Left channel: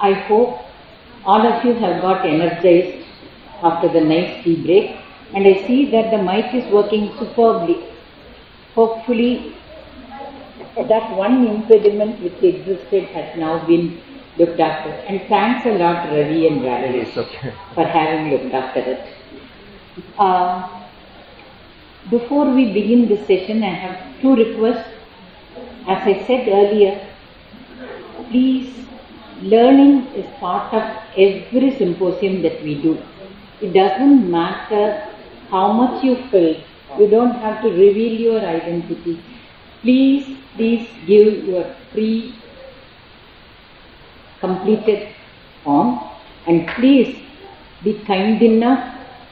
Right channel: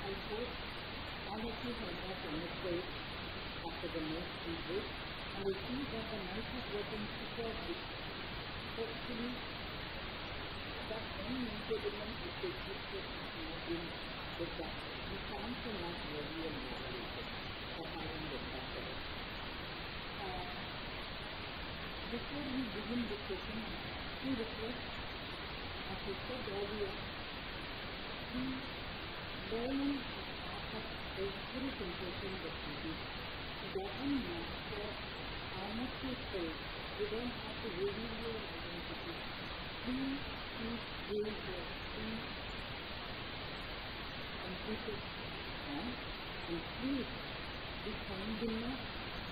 I hope all of you have got energized after the nice tea break, and I see that the mic is working superbly. Hopefully, that one impediment which existed has now been looked after. And thanks a lot, Ravi and Ravi, for having looked after it. Before we begin this session, I have two requests. As I said earlier, please, learning is part of every symposium that we do. It doesn't matter how much you fill. You don't have to reveal your identity. Please give your free completed form, and please be kind enough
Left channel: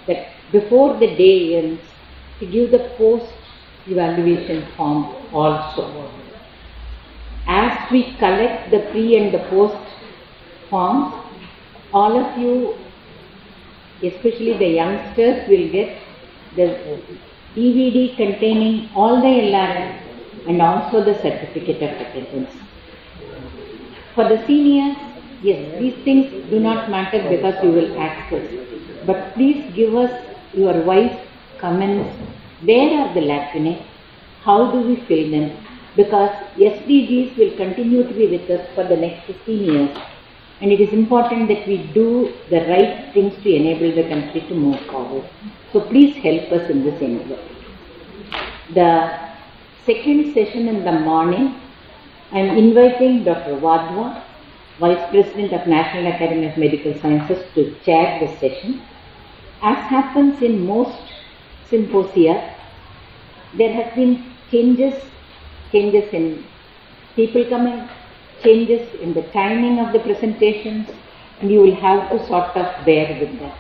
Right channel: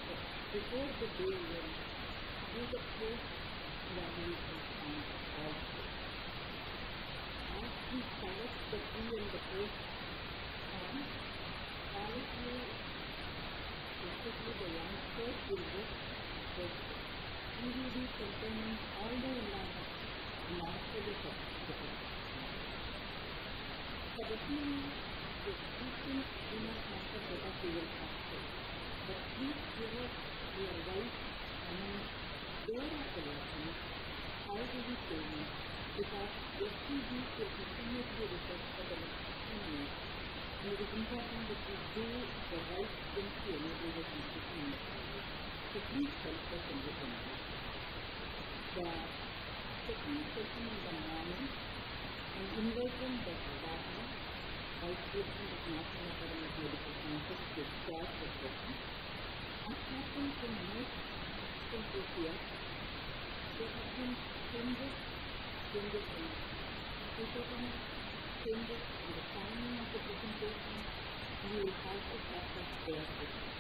that before the day ends to give the post-evaluation form also. As we collect the pre and the post forms, all of you, especially the youngsters, will get the DVD containing all the LRS and also the certificate of attendance. For the seniors, yes, these things do not matter because you will access. But please give us your wise comments. Where are the lacunae? How do we fill them? Because SDGs will continue to be with us for the next 15 years. And it is important that we do the right things to enable the country to move forward. So please help us in this endeavor. The second session in the morning, I am inviting Dr. Wadhwa, Vice President of National Academy of Medical Sciences, to chair this session. As happens in most symposia, there have been changes in people coming, changes in the timing of the presentations, and you will have to sort of bear with that.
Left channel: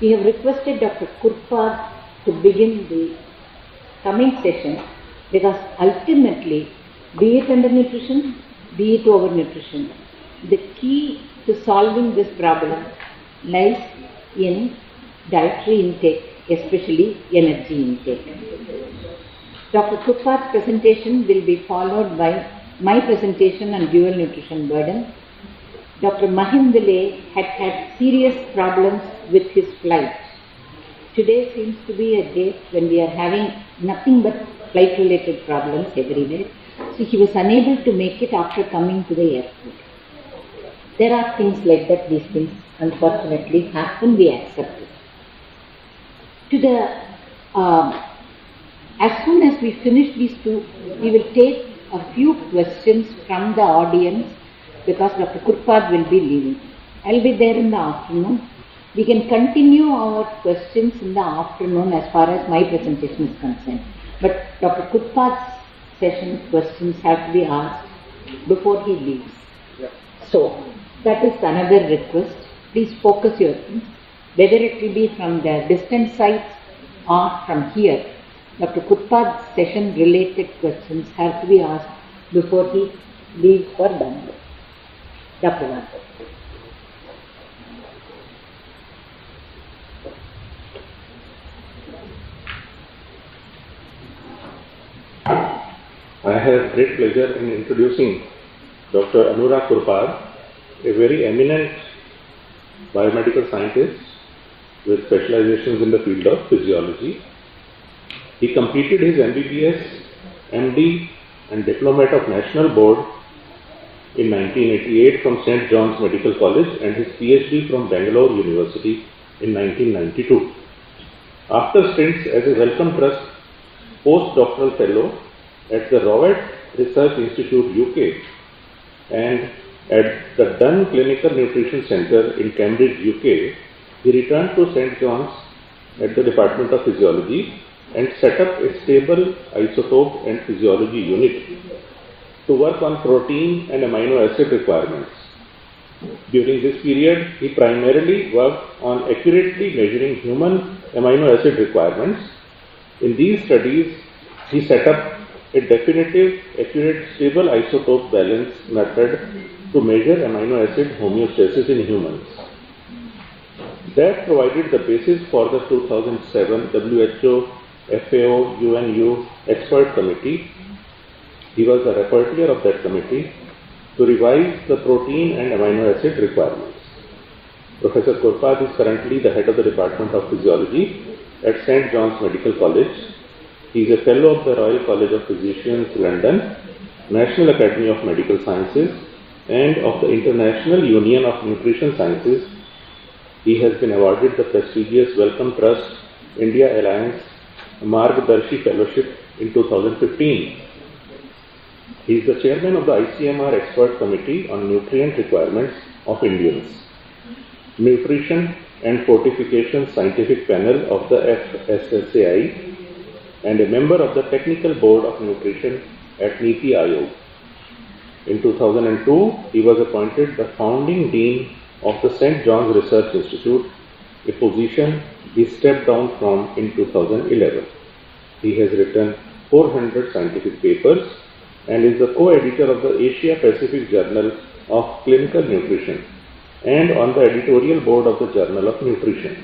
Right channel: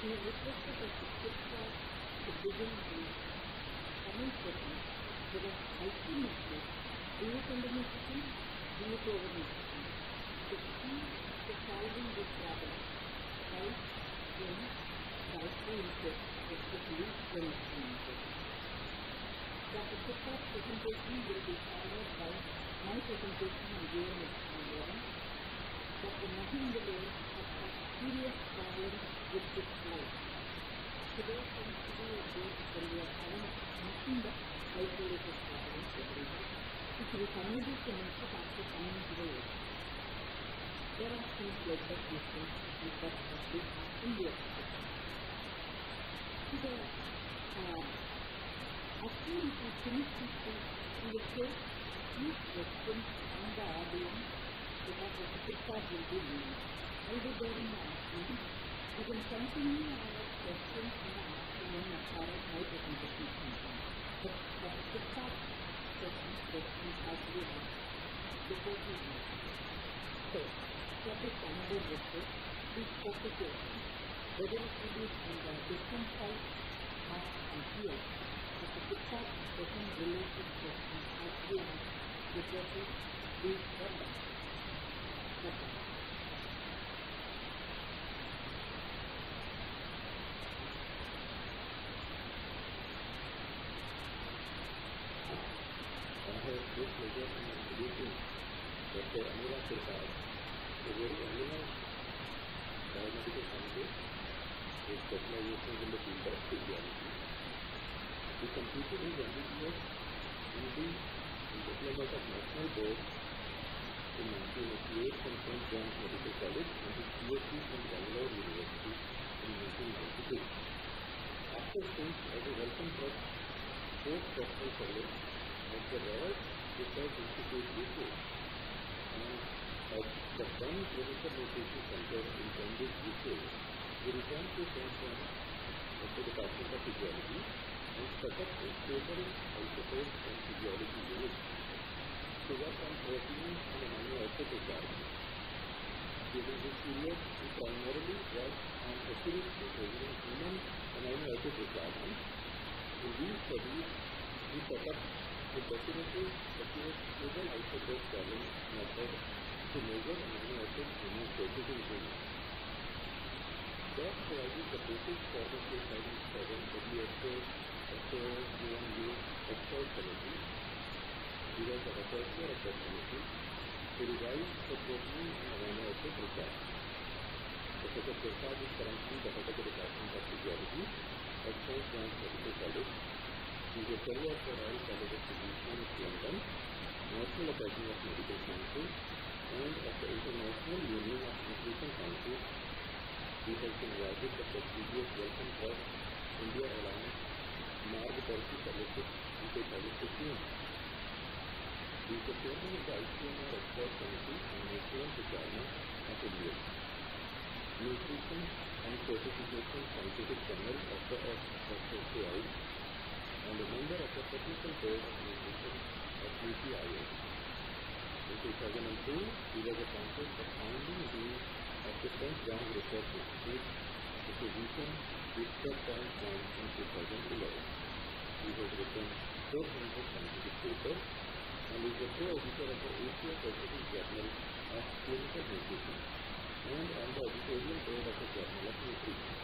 We have requested Dr. Kurpad to begin the coming session because ultimately, be it undernutrition, be it overnutrition, the key to solving this problem lies in dietary intake, especially energy intake. Dr. Kurpad's presentation will be followed by my presentation on dual nutrition burden. Dr. Mahindale had serious problems with his flight. Today seems to be a day when we are having nothing but flight-related problems everywhere. So he was unable to make it after coming to the airport. There are things like that. These things unfortunately happen. We accept it. As soon as we finish these two, we will take a few questions from the audience because Dr. Kurpad will be leaving. I will be there in the afternoon. We can continue our questions in the afternoon as far as my presentation is concerned. But Dr. Kurpad's session questions have to be asked before he leaves. Yeah. So that is another request. Please focus your things, whether it will be from the distant sites or from here. Dr. Kurpad's session related questions have to be asked before he leaves for Bangalore. Dr. Wadhwa. I have great pleasure in introducing Dr. Anura Kurpad, a very eminent biomedical scientist with specializations in the field of physiology. He completed his MBBS, MD and Diplomat of National Board in 1988 from St. John's Medical College and his PhD from Bangalore University in 1992. After stints as a Wellcome Trust postdoctoral fellow at the Rowett Research Institute UK and at the Dunn Clinical Nutrition Centre in Cambridge, UK, he returned to St. John's at the Department of Physiology and set up a stable isotope and physiology unit to work on protein and amino acid requirements. During this period, he primarily worked on accurately measuring human amino acid requirements. In these studies, he set up a definitive, accurate, stable isotope balance method to measure amino acid homeostasis in humans. That provided the basis for the 2007 WHO, FAO, UNU expert committee. He was the rapporteur of that committee, to revise the protein and amino acid requirements. Professor Kurpad is currently the head of the Department of Physiology at St. John's Medical College. He is a fellow of the Royal College of Physicians, London, National Academy of Medical Sciences, and of the International Union of Nutrition Sciences. He has been awarded the prestigious Wellcome Trust India Alliance Margdarshi Fellowship in 2015. He is the chairman of the ICMR Expert Committee on Nutrient Requirements of Indians, Nutrition and Fortification Scientific Panel of the FSSAI, and a member of the Technical Board of Nutrition at NITI Aayog. In 2002, he was appointed the founding dean of the St. John's Research Institute, a position he stepped down from in 2011. He has written 400 scientific papers and is the co-editor of the Asia Pacific Journal of Clinical Nutrition and on the editorial board of the Journal of Nutrition.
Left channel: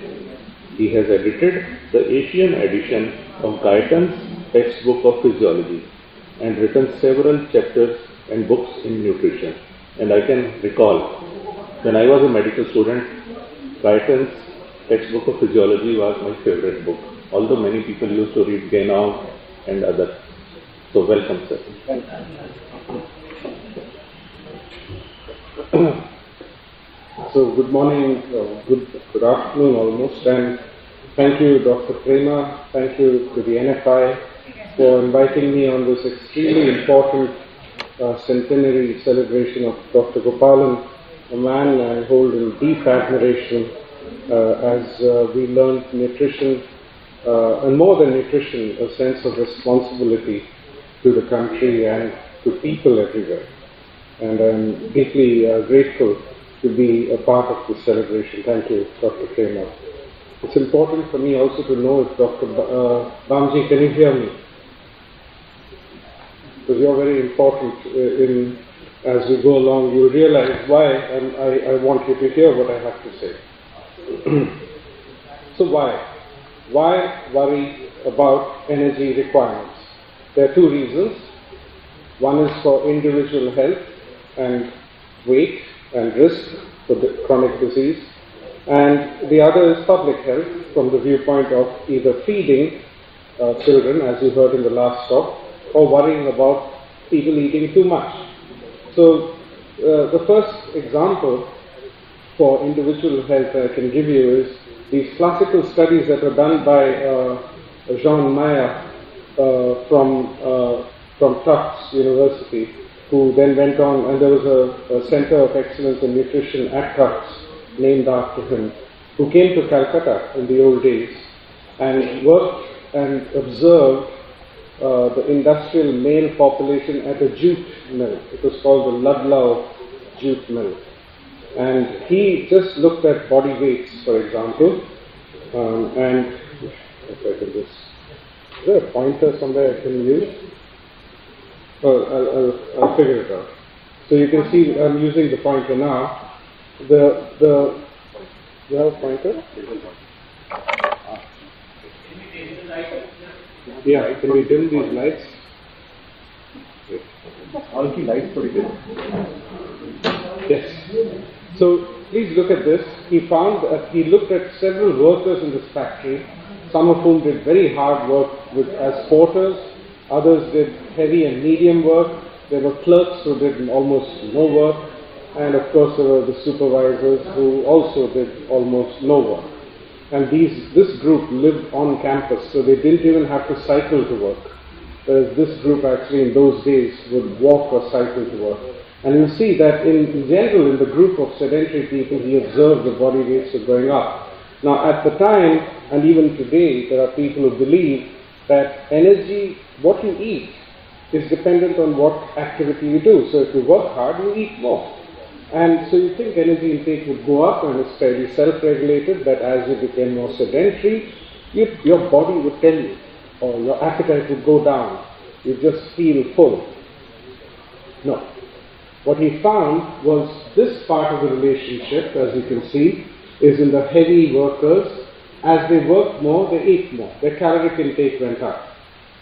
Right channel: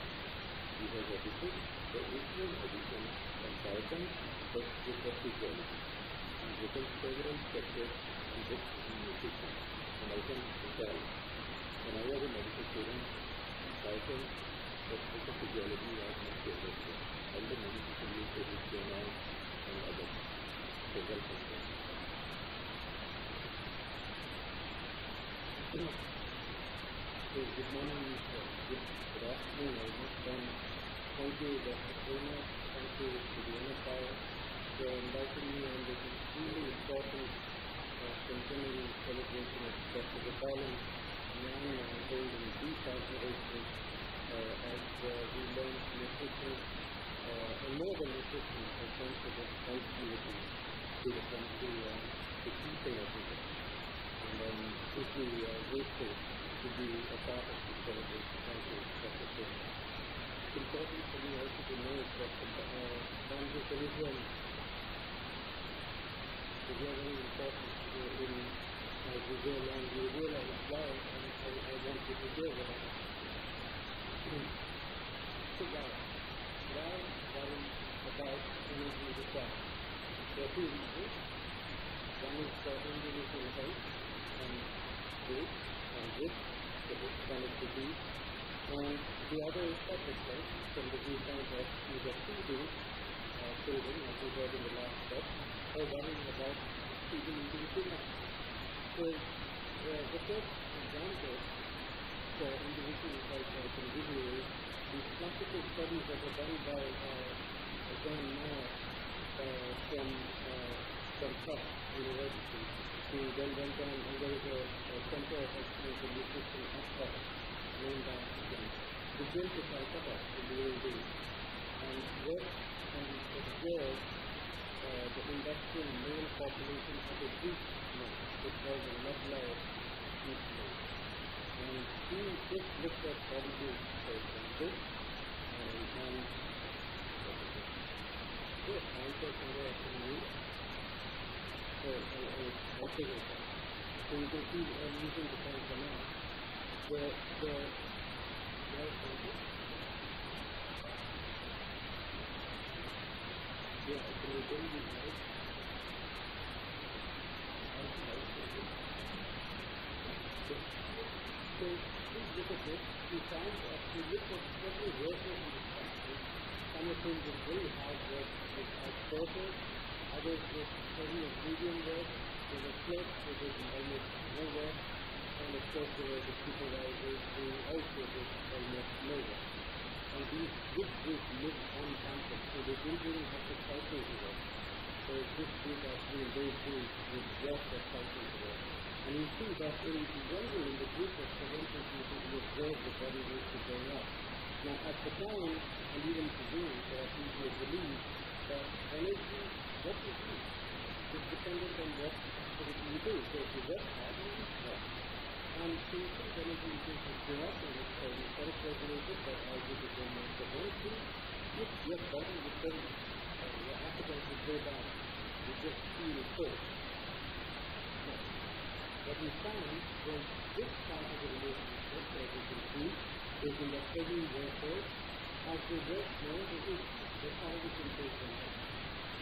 He has edited the Asian edition of Guyton's Textbook of Physiology and written several chapters and books in nutrition. And I can recall, when I was a medical student, Guyton's Textbook of Physiology was my favorite book, although many people used to read Genau and others. So welcome, sir. So good morning, good afternoon almost, and thank you Dr. Prema, thank you to the NFI for inviting me on this extremely important centenary celebration of Dr. Gopalan, a man I hold in deep admiration as we learned nutrition, and more than nutrition, a sense of responsibility to the country and to people everywhere. And I'm deeply grateful to be a part of this celebration. Thank you, Dr. Prema. It's important for me also to know if Dr. Ramji, can you hear me? Because you're very important as we go along. You realize why, and I want you to hear what I have to say. So why? Why worry about energy requirements? There are two reasons. One is for individual health and weight and risk for the chronic disease, and the other is public health from the viewpoint of either feeding children, as you heard in the last talk, or worrying about people eating too much. So the first example for individual health I can give you is these classical studies that were done by Jean Meyer from Tufts University, who then went on, and there was a Center of Excellence in Nutrition at Tufts named after him, who came to Calcutta in the old days and worked and observed the industrial male population at a jute mill. It was called the Ludlow jute mill. And he just looked at body weights, for example, and if I can just, is there a pointer somewhere I can use? I'll figure it out. So you can see I'm using the pointer now. You have a pointer? Yeah, can we dim these lights? All the lights pretty good. Yes. So please look at this. He found that he looked at several workers in this factory, some of whom did very hard work as porters, others did heavy and medium work. There were clerks who did almost no work, and of course there were the supervisors who also did almost no work. And this group lived on campus, so they didn't even have to cycle to work. Whereas this group actually in those days would walk or cycle to work. And you see that in general, in the group of sedentary people, he observed the body weights were going up. Now at the time, and even today, there are people who believe that energy, what you eat, is dependent on what activity you do. So if you work hard, you eat more. And so you think energy intake would go up, and it's fairly self-regulated, that as you became more sedentary, your body would tell you, or your appetite would go down. You just feel full. No. What he found was this part of the relationship, as you can see, is in the heavy workers. As they worked more, they ate more. Their caloric intake went up.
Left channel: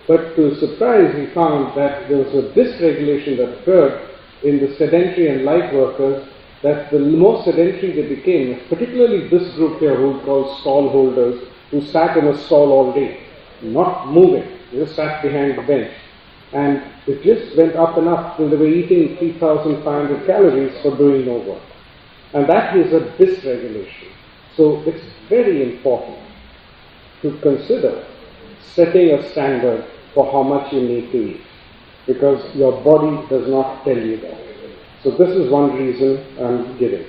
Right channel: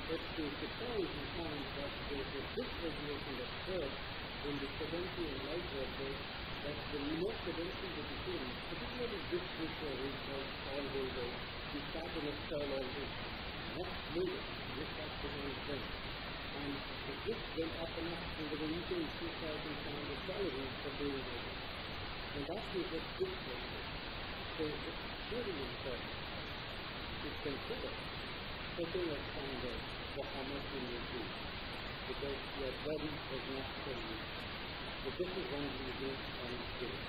But to his surprise, he found that there was a dysregulation that occurred in the sedentary and light workers that the more sedentary they became, particularly this group here who we call stall holders, who sat in a stall all day, not moving, they just sat behind the bench. And it just went up and up till they were eating 3,500 calories for doing no work. And that is a dysregulation. So it's very important to consider setting a standard for how much you need to eat, because your body does not tell you that. So this is one reason I'm giving.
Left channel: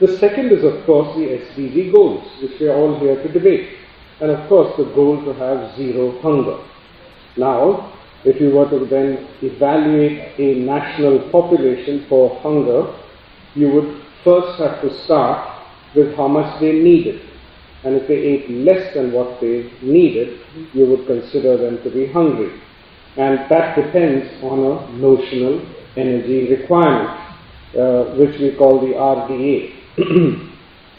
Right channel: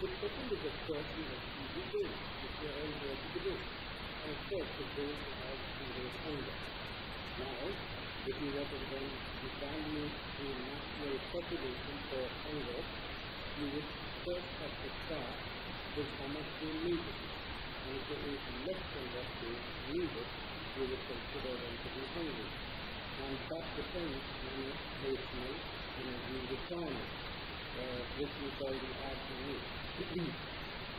The second is, of course, the SDG goals, which we are all here to debate. And of course, the goal to have zero hunger. Now, if you were to then evaluate a national population for hunger, you would first have to start with how much they needed. And if they ate less than what they needed, you would consider them to be hungry. And that depends on a notional energy requirement, which we call the RDA.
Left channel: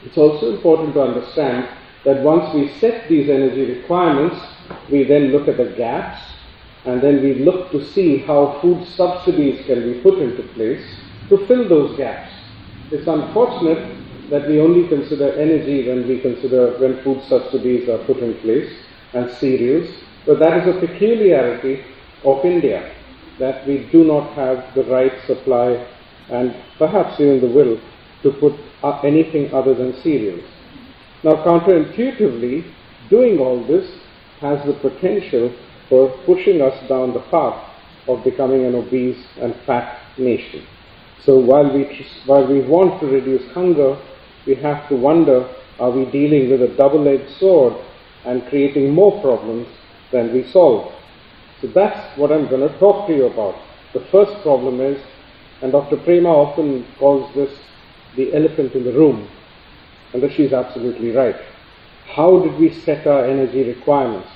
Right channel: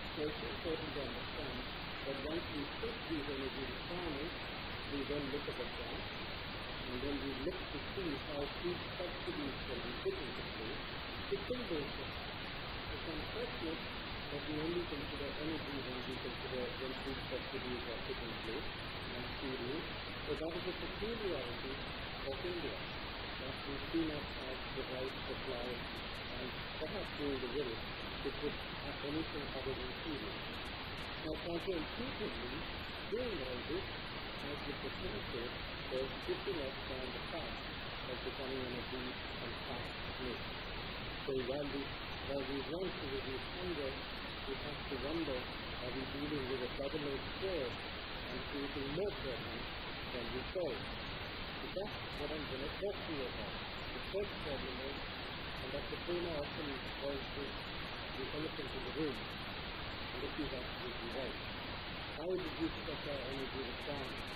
It's also important to understand that once we set these energy requirements, we then look at the gaps, and then we look to see how food subsidies can be put into place to fill those gaps. It's unfortunate that we only consider energy when food subsidies are put in place, and cereals, but that is a peculiarity of India, that we do not have the right supply and perhaps even the will to put anything other than cereals. Now, counterintuitively, doing all this has the potential for pushing us down the path of becoming an obese and fat nation. So while we want to reduce hunger, we have to wonder, are we dealing with a double-edged sword and creating more problems than we solve? So that's what I'm going to talk to you about. The first problem is, and Dr. Prema often calls this the elephant in the room, and that she's absolutely right. How did we set our energy requirements?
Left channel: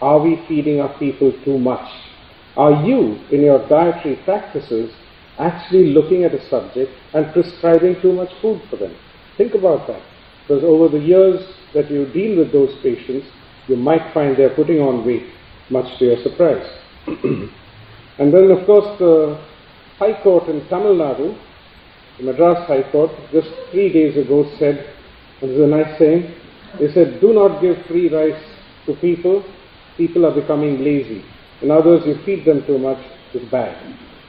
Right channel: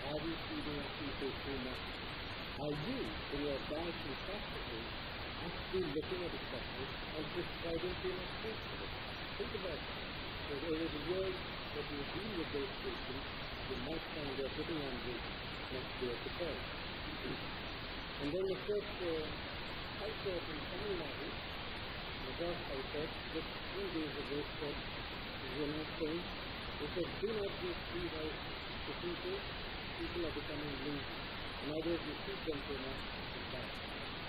Are we feeding our people too much? Are you, in your dietary practices, actually looking at a subject and prescribing too much food for them? Think about that. Because over the years that you deal with those patients, you might find they're putting on weight, much to your surprise. And then, of course, the High Court in Tamil Nadu, the Madras High Court, just 3 days ago said, and this is a nice saying, they said, do not give free rice to people. People are becoming lazy. In other words, you feed them too much, it's bad.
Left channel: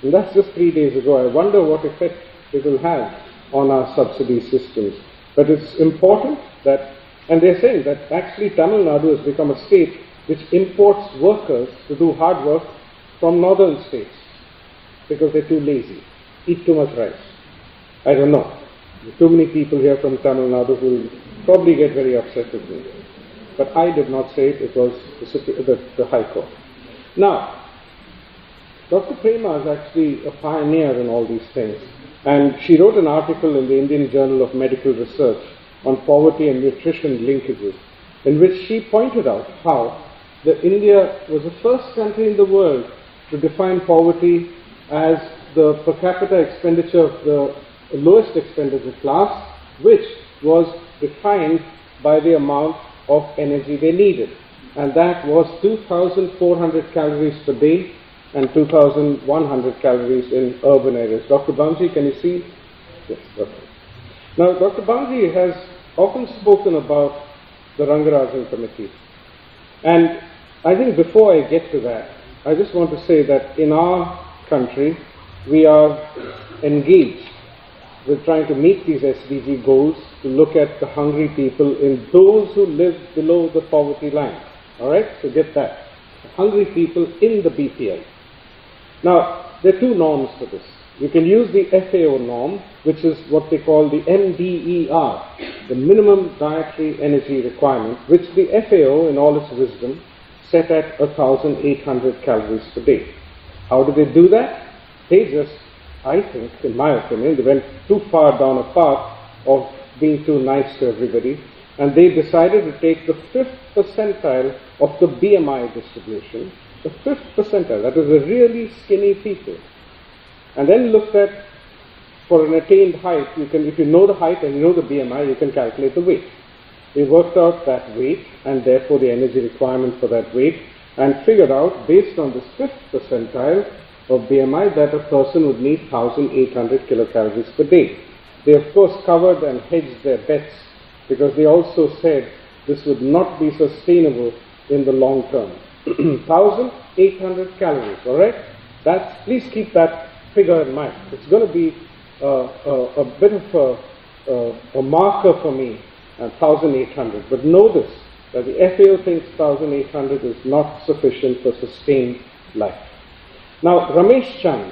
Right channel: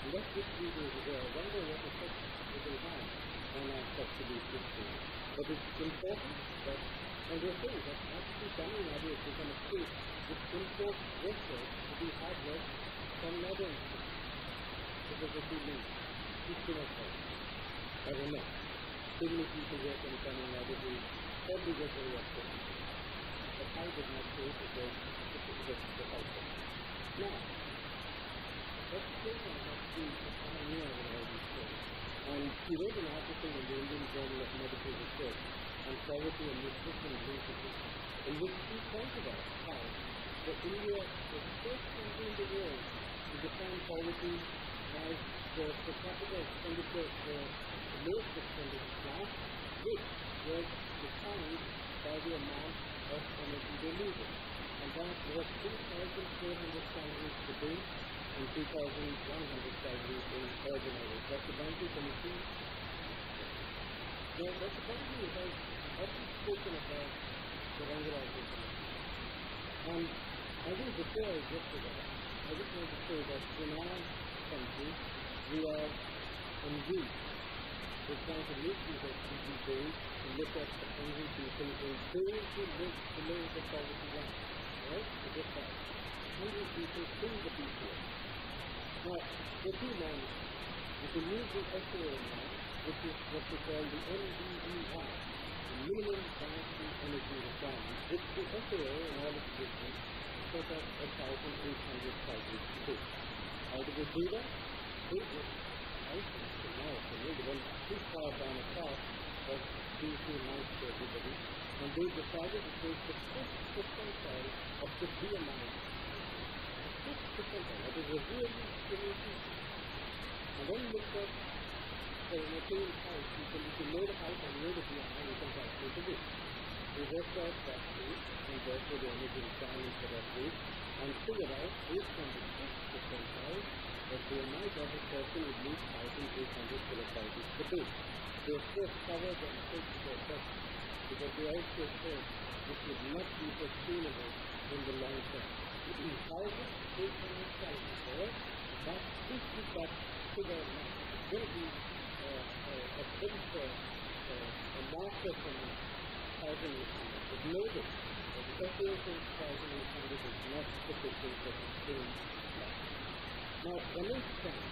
And that's just 3 days ago. I wonder what effect it will have on our subsidy systems. But it's important that, and they're saying that actually Tamil Nadu has become a state which imports workers to do hard work from northern states because they're too lazy, eat too much rice. I don't know. There's too many people here from Tamil Nadu who will probably get very upset with me. But I did not say it was the High Court. Now, Dr. Prema is actually a pioneer in all these things. And she wrote an article in the Indian Journal of Medical Research on poverty and nutrition linkages, in which she pointed out how India was the first country in the world to define poverty as the per capita expenditure of the lowest expenditure class, which was defined by the amount of energy they needed. And that was 2,400 calories per day and 2,100 calories in urban areas. Dr. Bamji, can you see? Yes, okay. Now, Dr. Bamji has often spoken about the Rangarajan Committee. And I think before I get to that, I just want to say that in our country, we are engaged with trying to meet these SDG goals to look at the hungry people in those who live below the poverty line. All right? So get that. Hungry people in the BPL. Now, there are two norms for this. You can use the FAO norm, which is what they call the MDER, the minimum dietary energy requirement, which the FAO, in all its wisdom, set at 1,800 calories per day. How do they do that? They just, I think, in my opinion, they went too far down a path of being too nice to everybody, and they decided to take the 5th percentile of the BMI distribution, the 5th percentile, that is the really skinny people, and then looked at, for an attained height, you can, if you know the height and you know the BMI, you can calculate the weight. We worked out that weight and therefore the energy requirement for that weight, and figured out, based on this 5th percentile, of BMI that a person would need 1,800 kilocalories per day. They of course covered and hedged their bets because they also said this would not be sustainable in the long term. 1,800 calories, all right? Please keep that figure in mind. It's going to be a bit of a marker for me, 1,800. But know this, that the FAO thinks 1,800 is not sufficient for sustained life. Now, Ramesh Chand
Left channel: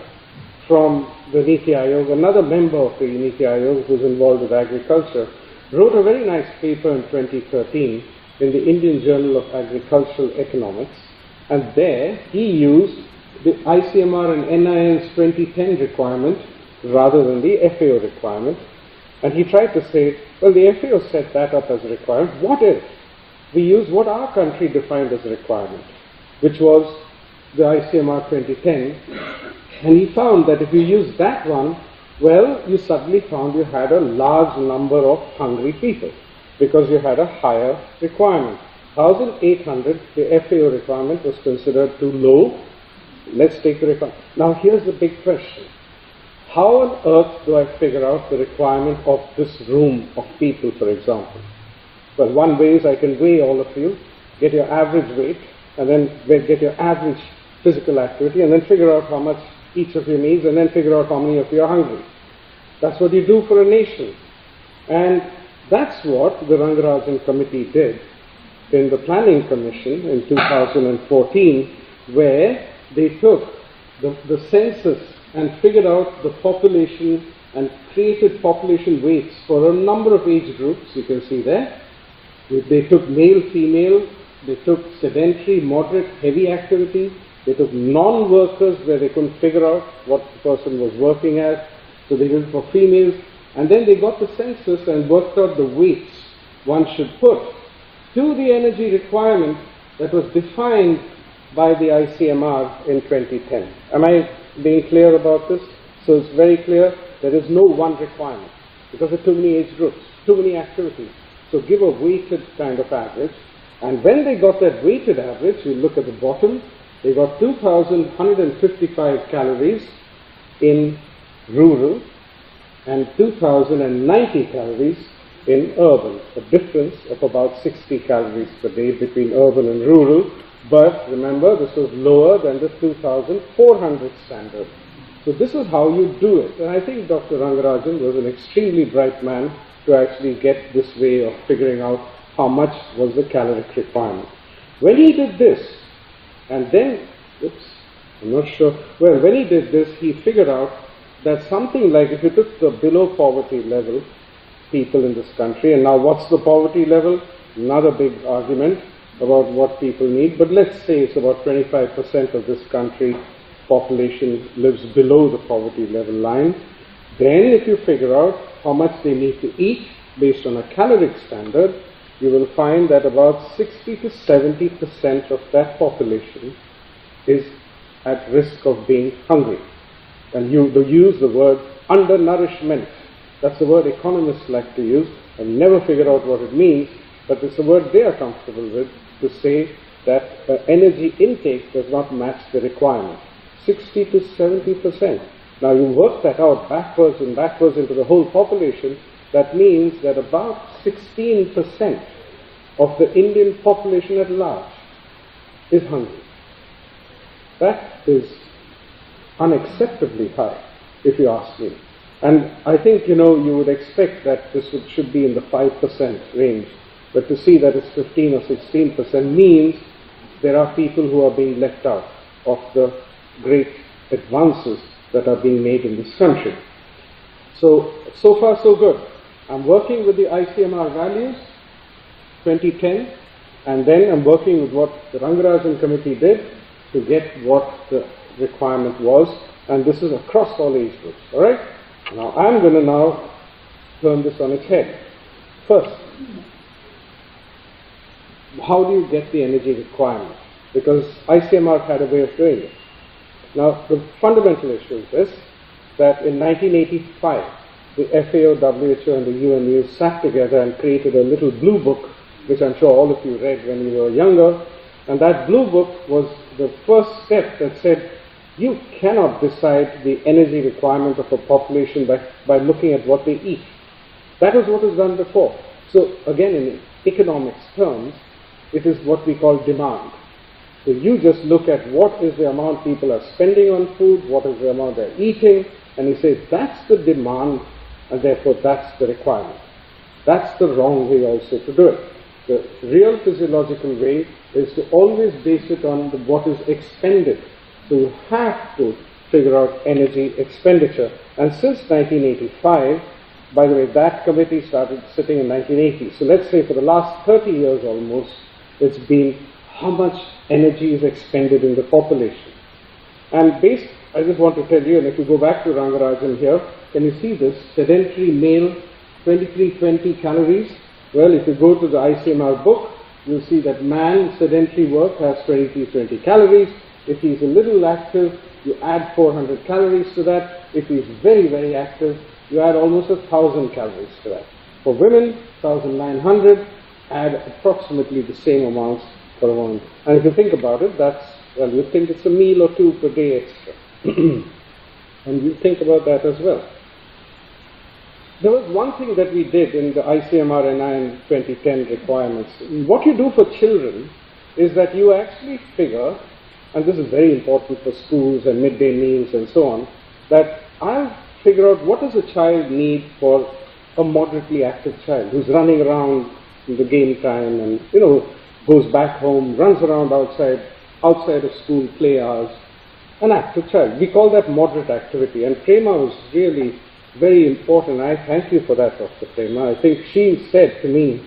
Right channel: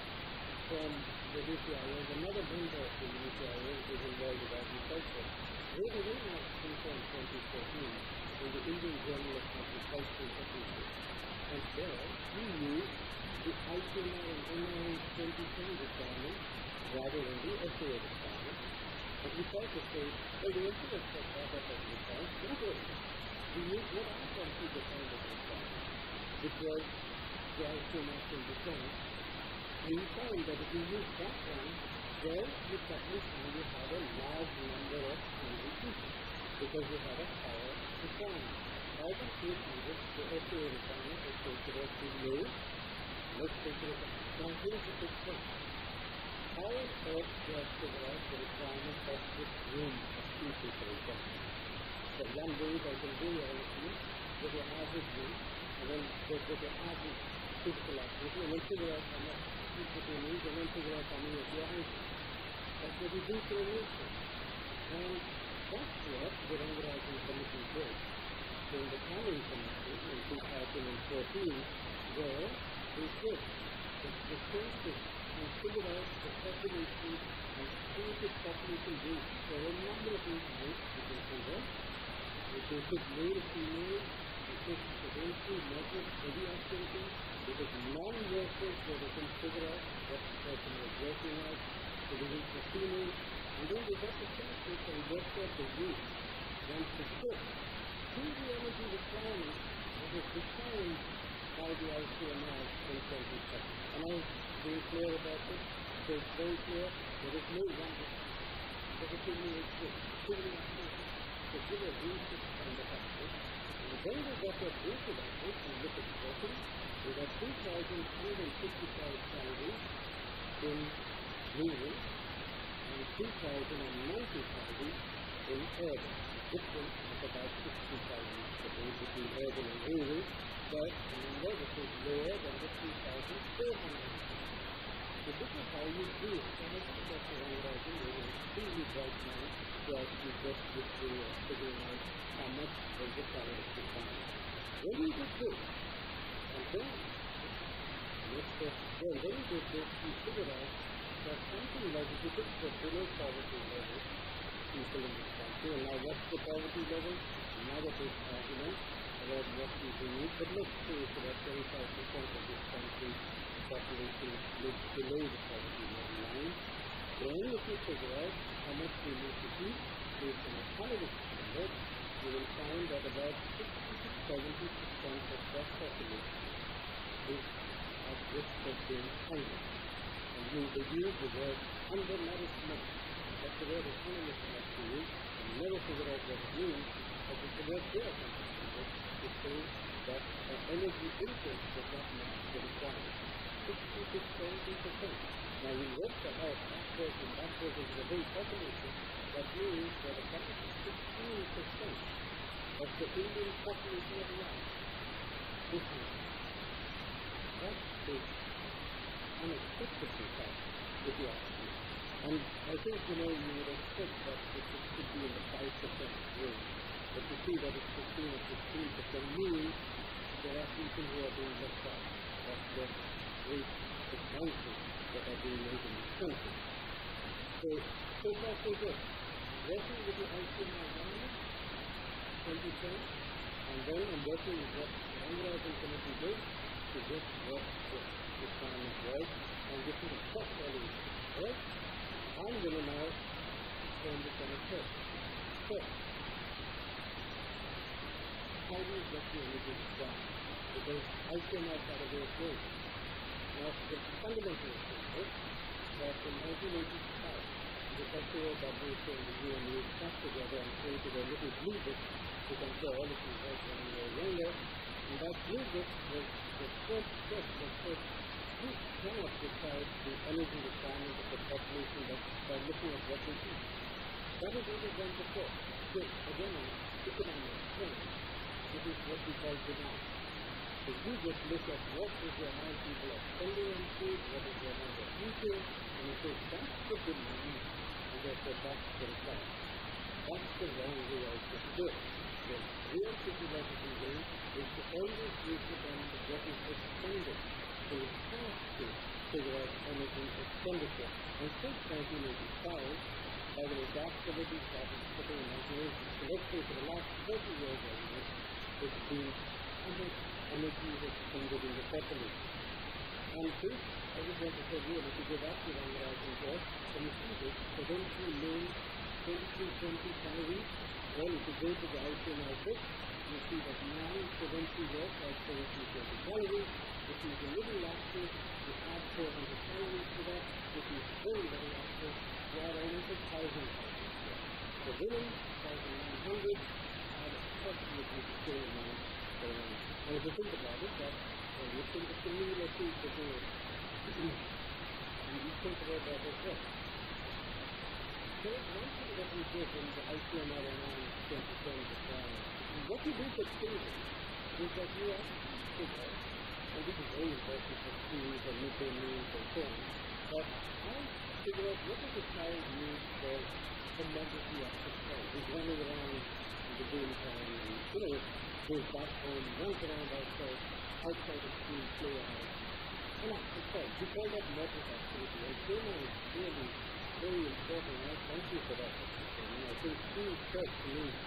from the Niti Aayog, another member of the Niti Aayog who's involved with agriculture, wrote a very nice paper in 2013 in the Indian Journal of Agricultural Economics, and there he used the ICMR and NIN's 2010 requirement rather than the FAO requirement, and he tried to say, well, the FAO set that up as a requirement. What if we use what our country defined as a requirement, which was the ICMR 2010, and he found that if you use that one, well, you suddenly found you had a large number of hungry people because you had a higher requirement. 1,800, the FAO requirement was considered too low. Let's take the requirement. Now here's the big question. How on earth do I figure out the requirement of this room of people, for example? Well, one way is I can weigh all of you, get your average weight, and then get your average physical activity, and then figure out how much each of you needs, and then figure out how many of you are hungry. That's what you do for a nation. And that's what the Rangarajan Committee did in the Planning Commission in 2014, where they took the census and figured out the population and created population weights for a number of age groups, you can see there. They took male, female, they took sedentary, moderate, heavy activity, they took non-workers where they couldn't figure out what the person was working as, so they did it for females, and then they got the census and worked out the weights one should put to the energy requirement that was defined by the ICMR in 2010. Am I being clear about this? So it's very clear there is no one requirement because there are too many age groups, too many activities. So give a weighted kind of average, and when they got that weighted average, you look at the bottom, they got 2,155 calories in rural and 2,090 calories in urban, a difference of about 60 calories per day between urban and rural, but remember this was lower than the 2,400 standard. So this is how you do it, and I think Dr. Rangarajan was an extremely bright man to actually get this way of figuring out how much was the caloric requirement. When he did this, and then, I'm not sure, well, when he did this, he figured out that something like, if you took the below poverty level people in this country, and now what's the poverty level? Another big argument about what people need, but let's say it's about 25% of this country population lives below the poverty level line. Then if you figure out how much they need to eat based on a caloric standard, you will find that about 60 to 70% of that population is at risk of being hungry. And you use the word undernourishment. That's the word economists like to use. I've never figured out what it means, but it's a word they are comfortable with to say that energy intake does not match the requirement. 60 to 70%. Now you work that out backwards and backwards into the whole population. That means that about 16% of the Indian population at large is hungry. That is unacceptably high, if you ask me. And I think, you would expect that this should be in the 5% range. But to see that it's 15 or 16% means there are people who are being left out of the great advances that are being made in this country. So far so good. I'm working with the ICMR values, 2010, and then I'm working with what the Rangarajan Committee did to get what the requirement was, and this is across all age groups, all right? Now I'm going to turn this on its head. First, how do you get the energy requirement? Because ICMR had a way of doing it. Now, the fundamental issue is this, that in 1985, the FAO, WHO, and the UNU sat together and created a little blue book, which I'm sure all of you read when you were younger, and that blue book was the first step that said, You cannot decide the energy requirement of a population by looking at what they eat. That is what is done before. So again, in economics terms, it is what we call demand. So you just look at what is the amount people are spending on food, what is the amount they're eating, and you say that's the demand, and therefore that's the requirement. That's the wrong way also to do it. The real physiological way is to always base it on what is expended. So you have to figure out energy expenditure. And since 1985, by the way, that committee started sitting in 1980. So let's say for the last 30 years almost, it's been how much energy is expended in the population. And I just want to tell you, and if you go back to Rangarajan here, can you see this? Sedentary male, 2320 calories. Well, if you go to the ICMR book, you'll see that man sedentary work has 2320 calories. If he's a little active, you add 400 calories to that. If he's very, very active, you add almost 1,000 calories to that. For women, 1,900, add approximately the same amounts for a woman. And if you think about it, you think it's a meal or two per day extra. And you think about that as well. There was one thing that we did in the ICMR NI 2010 requirements. What you do for children is that you actually figure, and this is very important for schools and midday meals and so on, that I'll figure out what does a child need for a moderately active child who's running around in the game time and, goes back home, runs around outside of school play hours, an active child. We call that moderate activity, and Prema was really very important. I thank you for that, Dr. Prema. I think she said to me,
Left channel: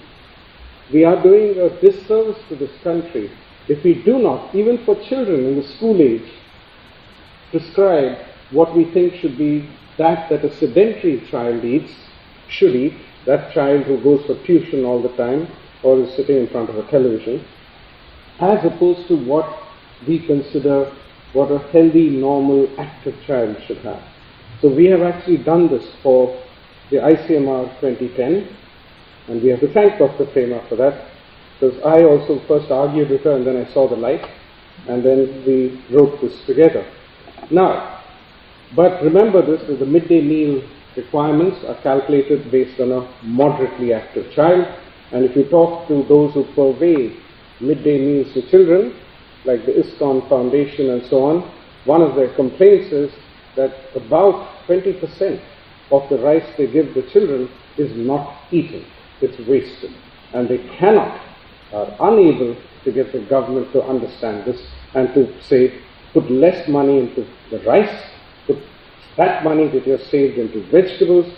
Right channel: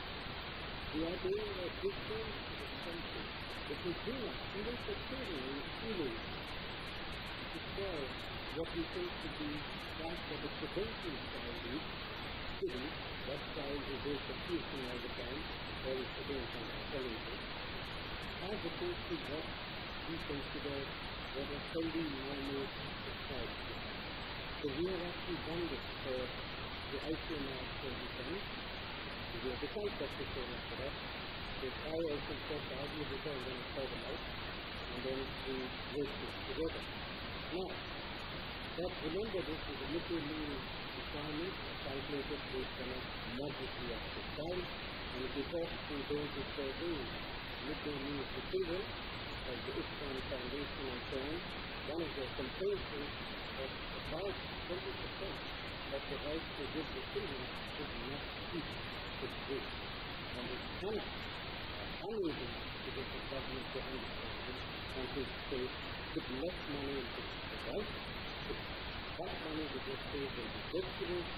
we are doing a disservice to this country if we do not, even for children in the school age, prescribe what we think should be that a sedentary child should eat, that child who goes for tuition all the time or is sitting in front of a television, as opposed to what we consider what a healthy, normal, active child should have. So we have actually done this for the ICMR 2010, and we have to thank Dr. Prema for that, because I also first argued with her and then I saw the light, and then we wrote this together. Now, but remember this, that the midday meal requirements are calculated based on a moderately active child, and if you talk to those who purvey midday meals to children, like the ISKCON Foundation and so on, one of their complaints is that about 20% of the rice they give the children is not eaten, it's wasted. And they cannot, are unable to get the government to understand this and to say, put less money into the rice, put that money that you have saved into vegetables.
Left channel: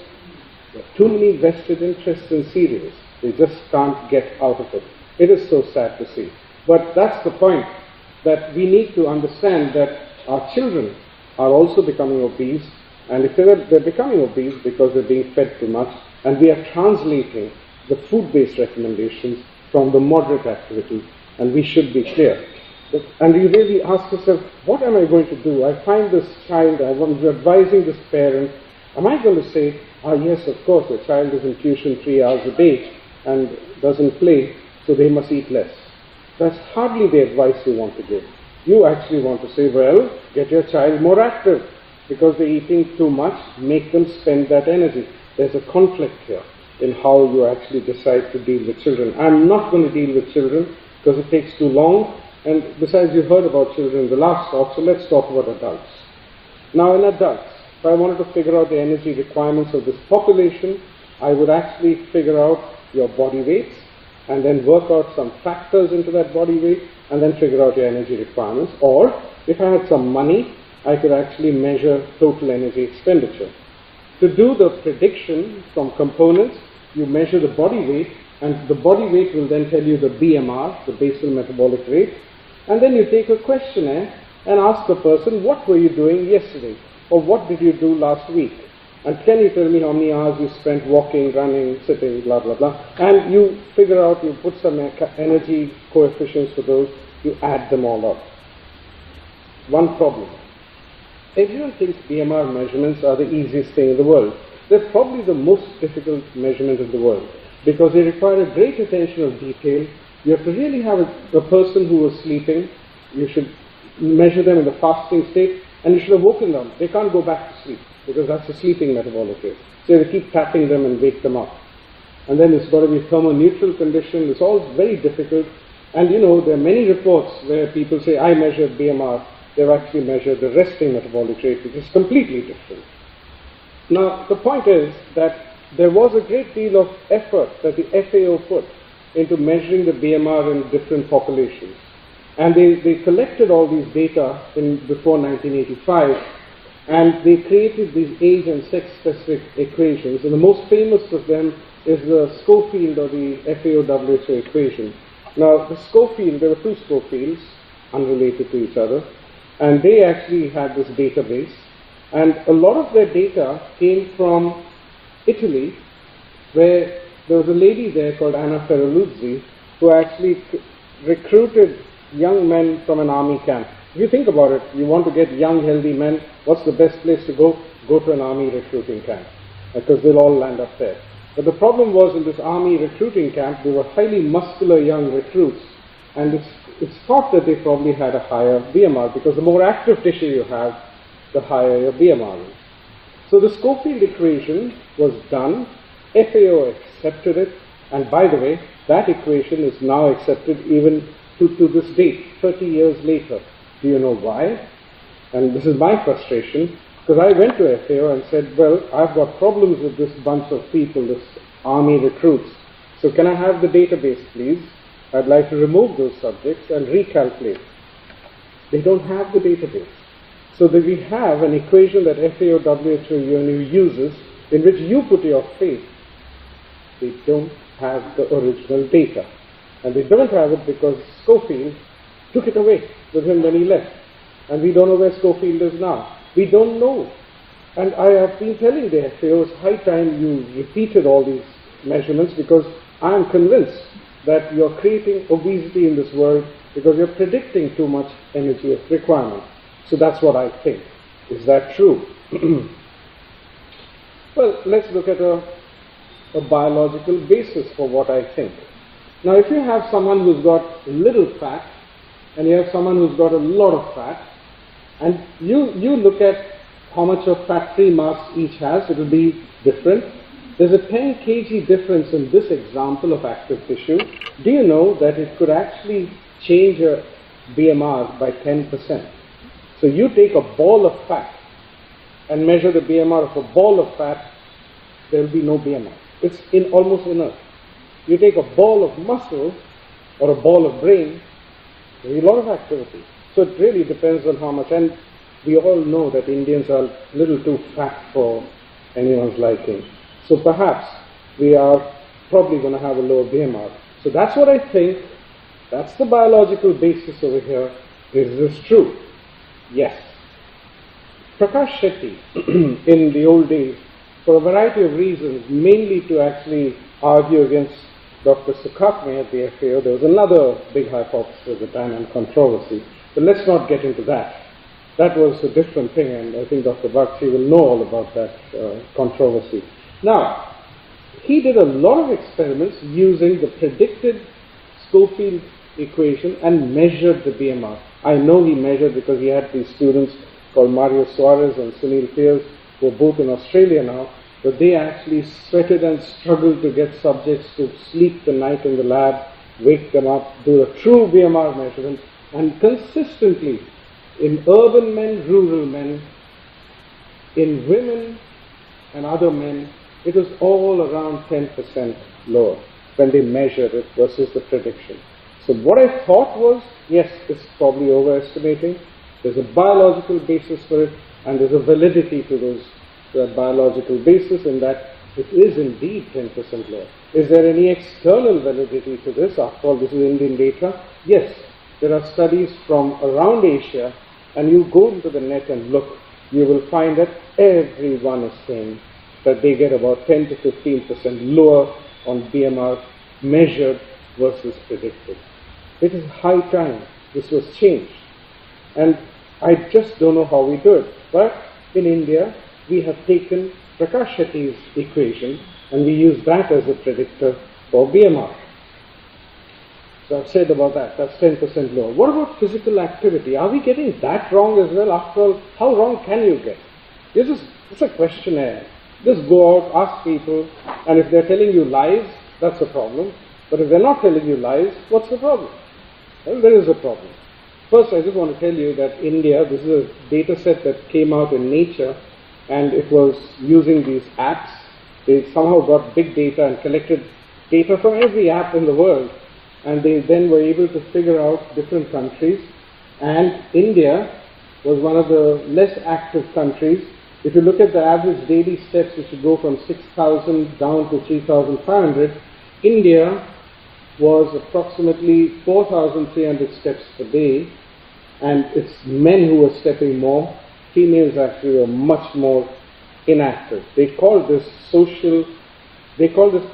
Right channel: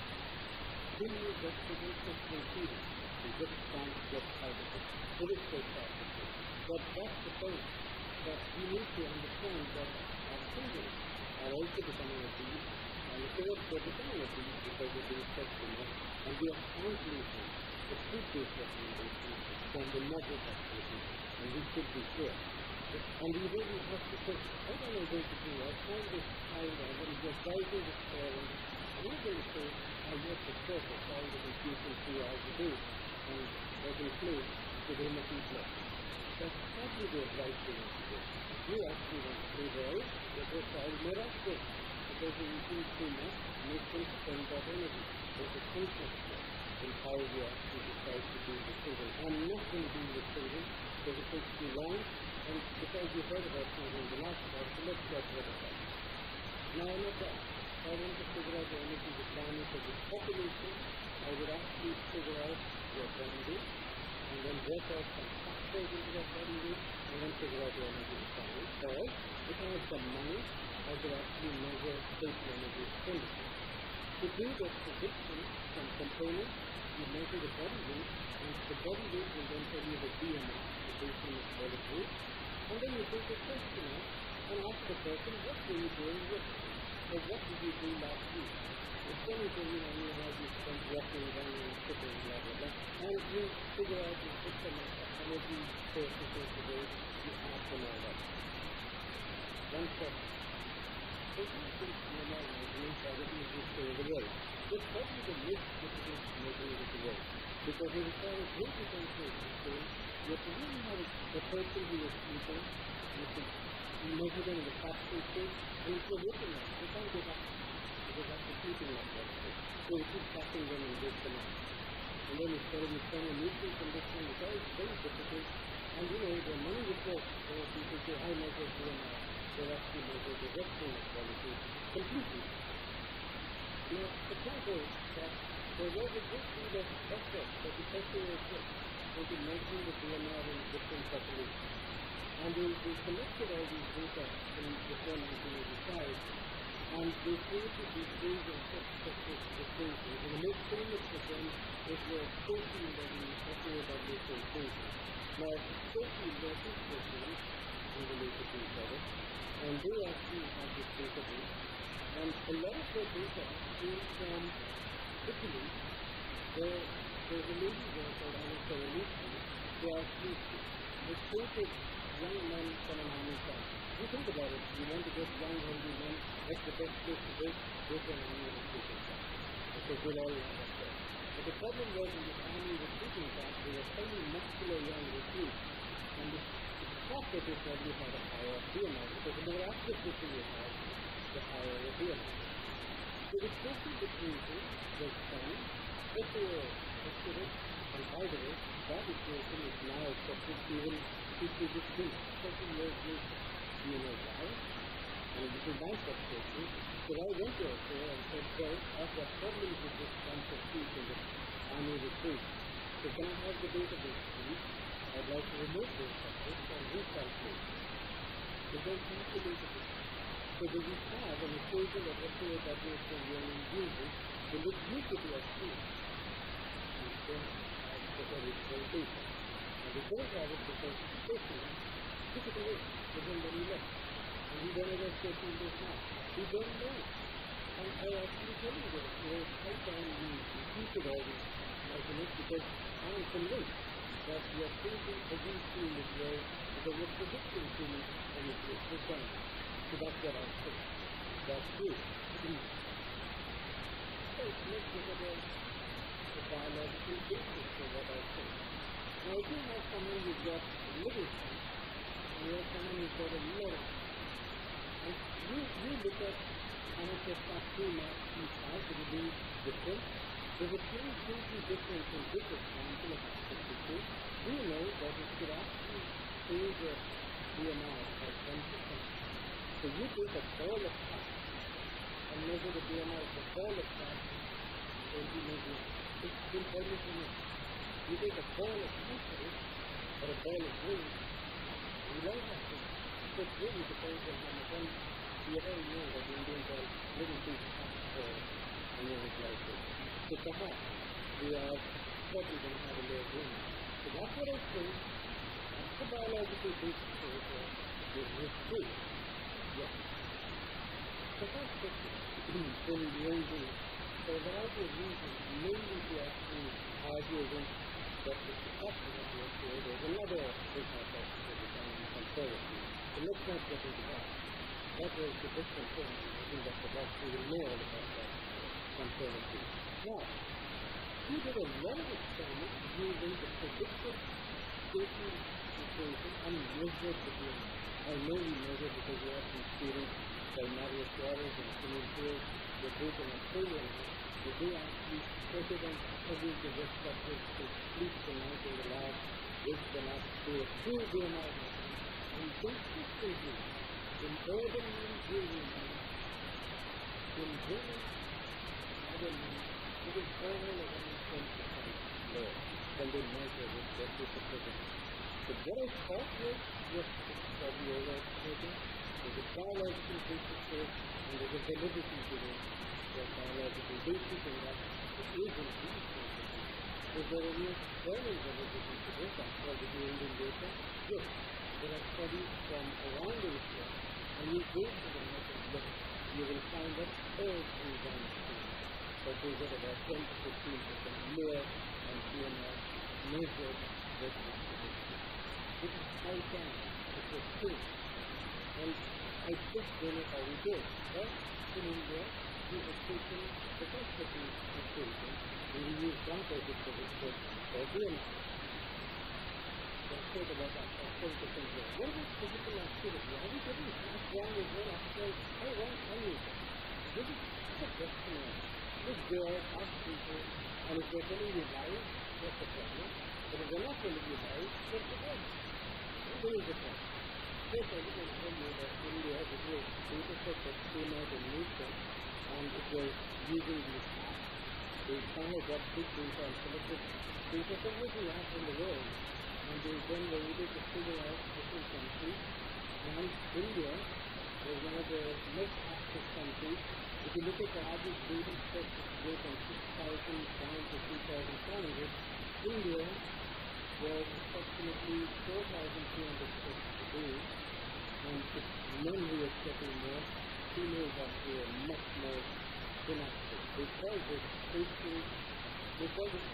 There are too many vested interests in cereals. They just can't get out of it. It is so sad to see. But that's the point, that we need to understand that our children are also becoming obese, and if they're becoming obese because they're being fed too much, and we are translating the food-based recommendations from the moderate activity, and we should be clear. And you really ask yourself, what am I going to do? I find this child, I'm advising this parent, am I going to say, yes, of course, the child is in tuition 3 hours a day and doesn't play, so they must eat less. That's hardly the advice you want to give. You actually want to say, well, get your child more active, because they're eating too much, make them spend that energy. There's a conflict here in how you actually decide to deal with children. I'm not going to deal with children because it takes too long, and besides you heard about children in the last talk, so let's talk about adults. Now in adults, if I wanted to figure out the energy requirements of this population, I would actually figure out your body weights, and then work out some factors into that body weight, and then figure out your energy requirements. Or, if I had some money, I could actually measure total energy expenditure. To do the prediction from components, you measure the body weight, and the body weight will then tell you the BMR, the basal metabolic rate, and then you take a questionnaire and ask the person, what were you doing yesterday? Or what did you do last week? And can you tell me how many hours you spent walking, running, sitting, blah, blah, blah. And you figure out, you put some energy coefficients for those, you add them all up. One problem. Everyone thinks BMR measurements are the easiest thing in the world. They're probably the most difficult measurement in the world, because they require a great attention of detail. You have to really have a person who was sleeping. You should measure them in the fasting state, and you should have woken them. They can't go back to sleep because that's a sleeping metabolic rate. So you have to keep tapping them and wake them up. And then it's got to be thermoneutral condition. It's all very difficult. And you know, there are many reports where people say, I measured BMR. They've actually measured the resting metabolic rate, which is completely different. Now, the point is that there was a great deal of effort that the FAO put into measuring the BMR in different populations. And they collected all these data before 1985, and they created these age and sex-specific equations. And the most famous of them is the Schofield or the FAO-WHO equation. Now, the Schofield, there were two Schofields, unrelated to each other, and they actually had this database. And a lot of their data came from Italy, where there was a lady there called Anna Ferraluzzi who actually recruited young men from an army camp. If you think about it, you want to get young, healthy men, what's the best place to go? Go to an army recruiting camp, because they'll all land up there. But the problem was, in this army recruiting camp, they were highly muscular young recruits, and it's thought that they probably had a higher BMR, because the more active tissue you have, the higher your BMR is. So the Schofield equation was done, FAO accepted it, and by the way, that equation is now accepted even to this date, 30 years later. Do you know why? And this is my frustration, because I went to FAO and said, well, I've got problems with this bunch of people, this army recruits. So can I have the database, please? I'd like to remove those subjects and recalculate. They don't have the database. So that we have an equation that FAO-WHO uses in which you put your faith. They don't have the original data. And they don't have it because Schofield took it away with him when he left. And we don't know where Schofield is now. We don't know. And I have been telling the FAO, it's high time you repeated all these measurements, because I am convinced that you're creating obesity in this world because you're predicting too much energy requirement. So that's what I think. Is that true? Well, let's look at a biological basis for what I think. Now, if you have someone who's got little fat, and you have someone who's got a lot of fat, and you look at how much of fat-free mass each has, it will be different. There's a 10 kg difference in this example of active tissue. Do you know that it could actually change your BMR by 10%? So you take a ball of fat and measure the BMR of a ball of fat, there will be no BMR. It's almost inert. You take a ball of muscle or a ball of brain, there will be a lot of activity. So it really depends on how much. And we all know that Indians are a little too fat for anyone's liking. So perhaps we are probably going to have a lower BMR. So that's what I think. That's the biological basis over here. Is this true? Yes. Prakash Shetty, in the old days, for a variety of reasons, mainly to actually argue against Dr. Sukhatme at the FAO, there was another big hypothesis at the time and controversy. But let's not get into that. That was a different thing, and I think Dr. Bakshi will know all about that controversy. Now, he did a lot of experiments using the predicted Schofield equation and measured the BMR. I know he measured because he had these students called Mario Suarez and Sunil Pierce, who are both in Australia now, but they actually sweated and struggled to get subjects to sleep the night in the lab, wake them up, do a true BMR measurement, and consistently, in urban men, rural men, in women and other men, it was all around 10% lower when they measured it versus the prediction. So what I thought was, yes, it's probably overestimating. There's a biological basis for it, and there's a validity to those biological basis in that it is indeed 10% lower. Is there any external validity to this? After all, this is Indian data. Yes, there are studies from around Asia, and you go into the net and look, you will find that everyone is saying that they get about 10 to 15% lower on BMR measured versus predicted. It is high time this was changed. And I just don't know how we do it. But in India, we have taken Prakash Shetty's equation and we use that as a predictor for BMR. So I've said about that, that's 10% lower. What about physical activity? Are we getting that wrong as well? After all, how wrong can you get? It's a questionnaire. Just go out, ask people, and if they're telling you lies, that's a problem. But if they're not telling you lies, what's the problem? Well, there is a problem. First, I just want to tell you that India, this is a data set that came out in Nature, and it was using these apps. They somehow got big data and collected data from every app in the world, and they then were able to figure out different countries, and India was one of the less active countries. If you look at the average daily steps, which go from 6,000 down to 3,500, India was approximately 4,300 steps per day, and it's men who were stepping more. Females actually were much more inactive. They call this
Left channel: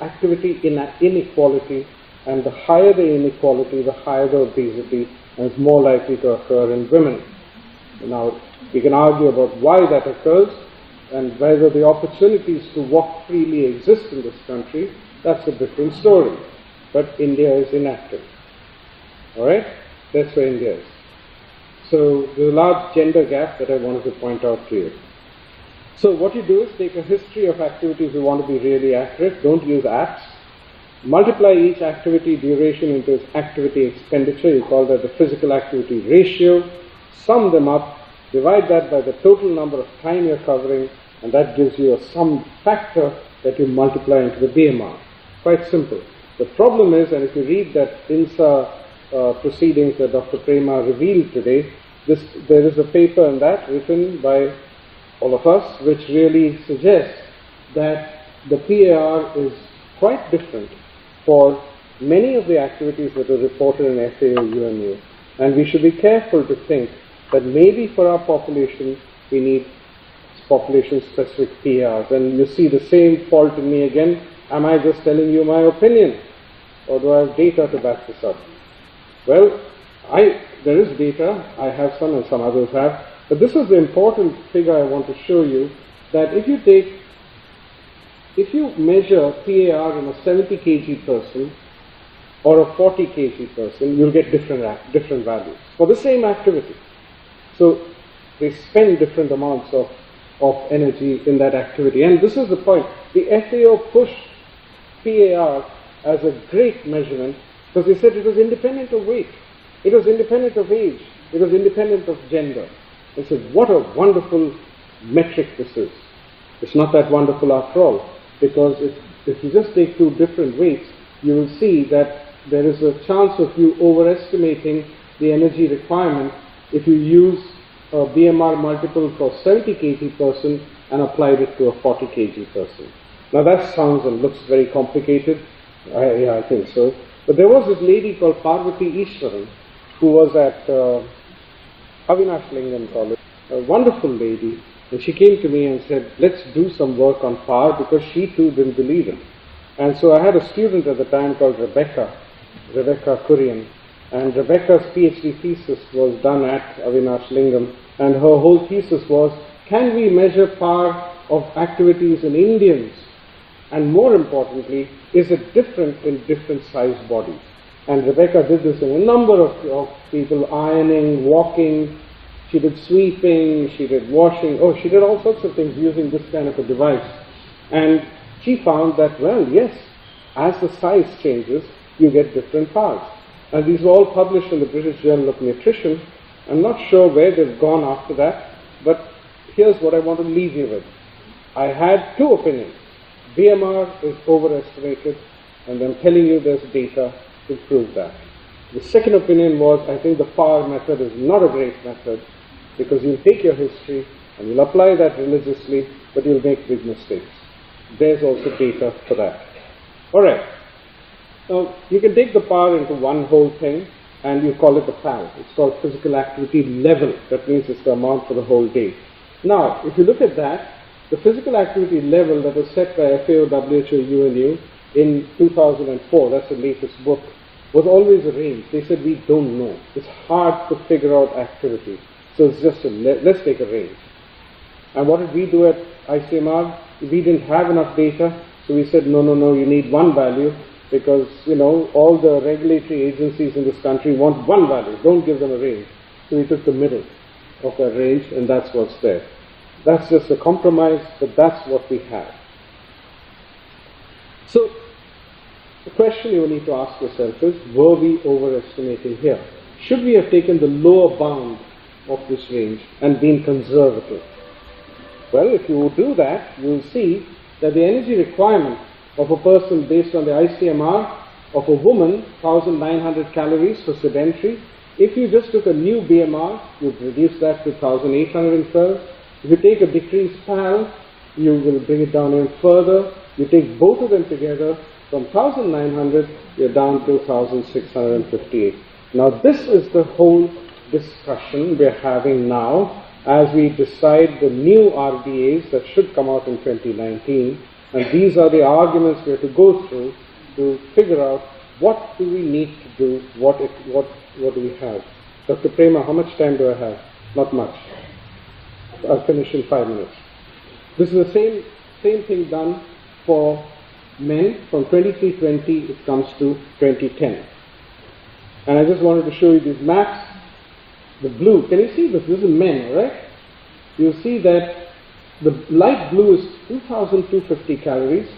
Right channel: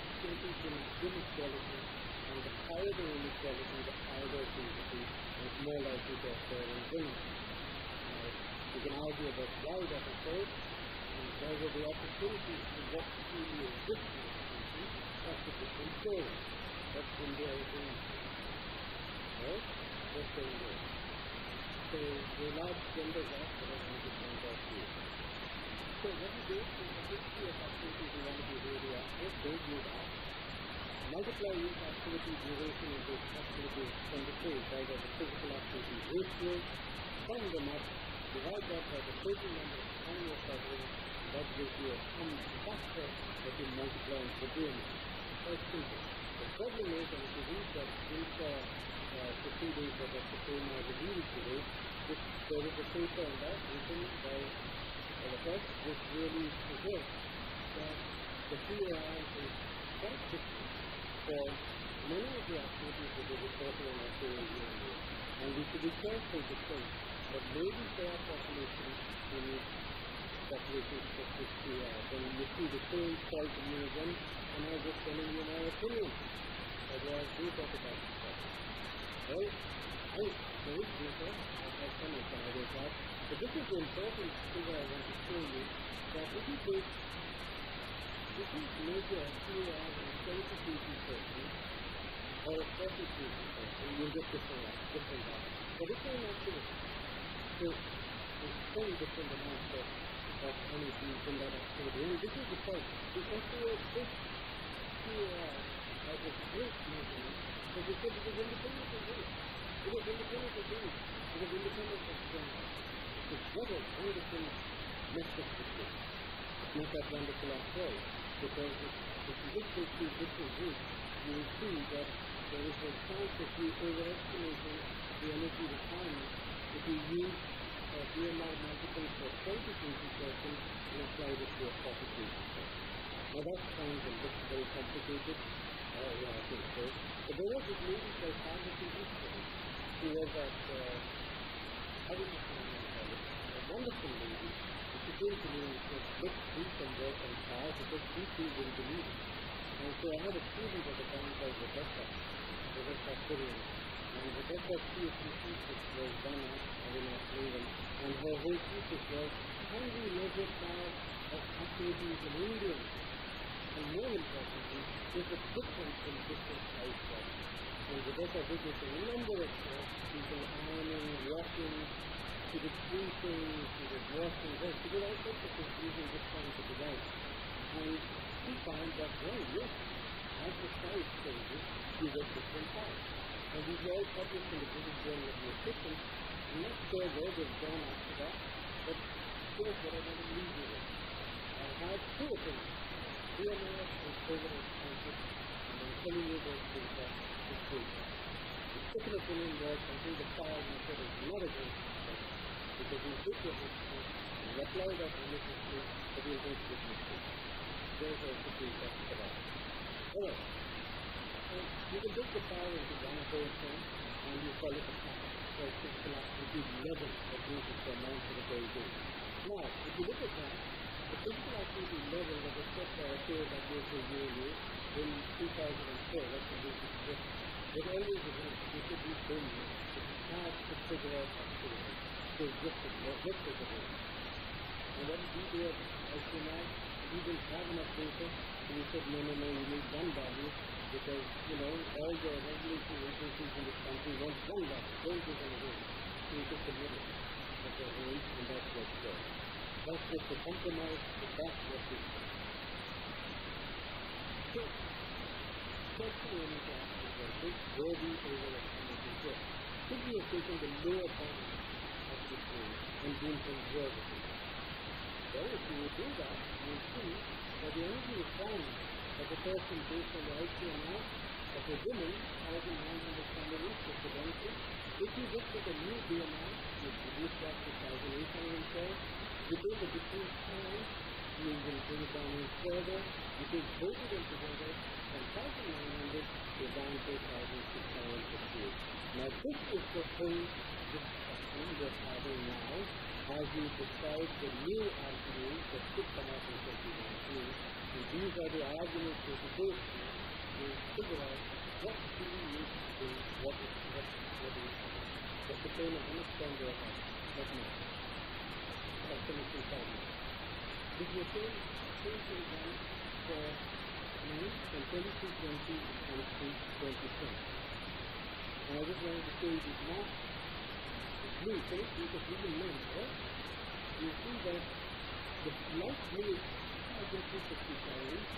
activity inequality, and the higher the inequality, the higher the obesity, and it's more likely to occur in women. Now, we can argue about why that occurs, and whether the opportunities to walk freely exist in this country. That's a different story. But India is inactive. Alright? That's where India is. So there's a large gender gap that I wanted to point out to you. So what you do is take a history of activities you want to be really accurate. Don't use apps. Multiply each activity duration into its activity expenditure. You call that the physical activity ratio. Sum them up. Divide that by the total number of time you're covering, and that gives you a sum factor that you multiply into the BMR. Quite simple. The problem is, and if you read that INSA proceedings that Dr. Prema revealed today, there is a paper on that written by all of us, which really suggests that the PAR is quite different for many of the activities that are reported in FAO UNU. And we should be careful to think that maybe for our population, we need population-specific PARs. And you see the same fault in me again. Am I just telling you my opinion? Or do I have data to back this up? Well, there is data. I have some and some others have. But this is the important figure I want to show you, that if you measure PAR in a 70 kg person or a 40 kg person, you'll get different values for the same activity. So they spend different amounts of energy in that activity. And this is the point. The FAO pushed PAR as a great measurement because they said it was independent of weight, it was independent of age, it was independent of gender. They said, what a wonderful metric this is. It's not that wonderful after all, because if you just take two different weights, you will see that there is a chance of you overestimating the energy requirement if you use a BMR multiple for 70 kg person and applied it to a 40 kg person. Now that sounds and looks very complicated. Yeah, I think so. But there was this lady called Parvati Ishwaran who was at Avinash Lingam College, a wonderful lady, and she came to me and said, let's do some work on PAR, because she too didn't believe it. And so I had a student at the time called Rebecca Kurian, and Rebecca's PhD thesis was done at Avinash Lingam, and her whole thesis was, can we measure PAR of activities in Indians? And more importantly, is it different in different sized bodies? And Rebecca did this in a number of people, ironing, walking, she did sweeping, she did washing, she did all sorts of things using this kind of a device. And she found that, well, yes, as the size changes, you get different PARs. And these were all published in the British Journal of Nutrition. I'm not sure where they've gone after that, but here's what I want to leave you with. I had two opinions. BMR is overestimated, and I'm telling you there's data to prove that. The second opinion was, I think the PAR method is not a great method, because you'll take your history and you'll apply that religiously, but you'll make big mistakes. There's also data for that. Alright, now you can take the PAR into one whole thing, and you call it the PAL. It's called physical activity level. That means it's the amount for the whole day. Now, if you look at that, the physical activity level that was set by FAO WHO UNU in 2004, that's the latest book, was always a range. They said, we don't know. It's hard to figure out activity. So it's just let's take a range. And what did we do at ICMR? We didn't have enough data, so we said, no, you need one value. because, you know, all the regulatory agencies in this country want one value, don't give them a range. So we took the middle of that range, and that's what's there. That's just a compromise, but that's what we have. So the question you need to ask yourself is, were we overestimating here? Should we have taken the lower bound of this range and been conservative? Well, if you do that, you will see that the energy requirement of a person based on the ICMR of a woman, 1,900 calories for sedentary. If you just took a new BMR, you'd reduce that to 1,812. If you take a decreased PAL, you will bring it down even further. You take both of them together, from 1,900, you're down to 1,658. Now this is the whole discussion we're having now as we decide the new RDAs that should come out in 2019. And these are the arguments we have to go through to figure out what do we need to do, what do we have. Dr. Prema, how much time do I have? Not much. I'll finish in 5 minutes. This is the same thing done for men. From 2320 it comes to 2010. And I just wanted to show you these maps. The blue, can you see this? This is men, right? You'll see that the light blue is 2,250 calories,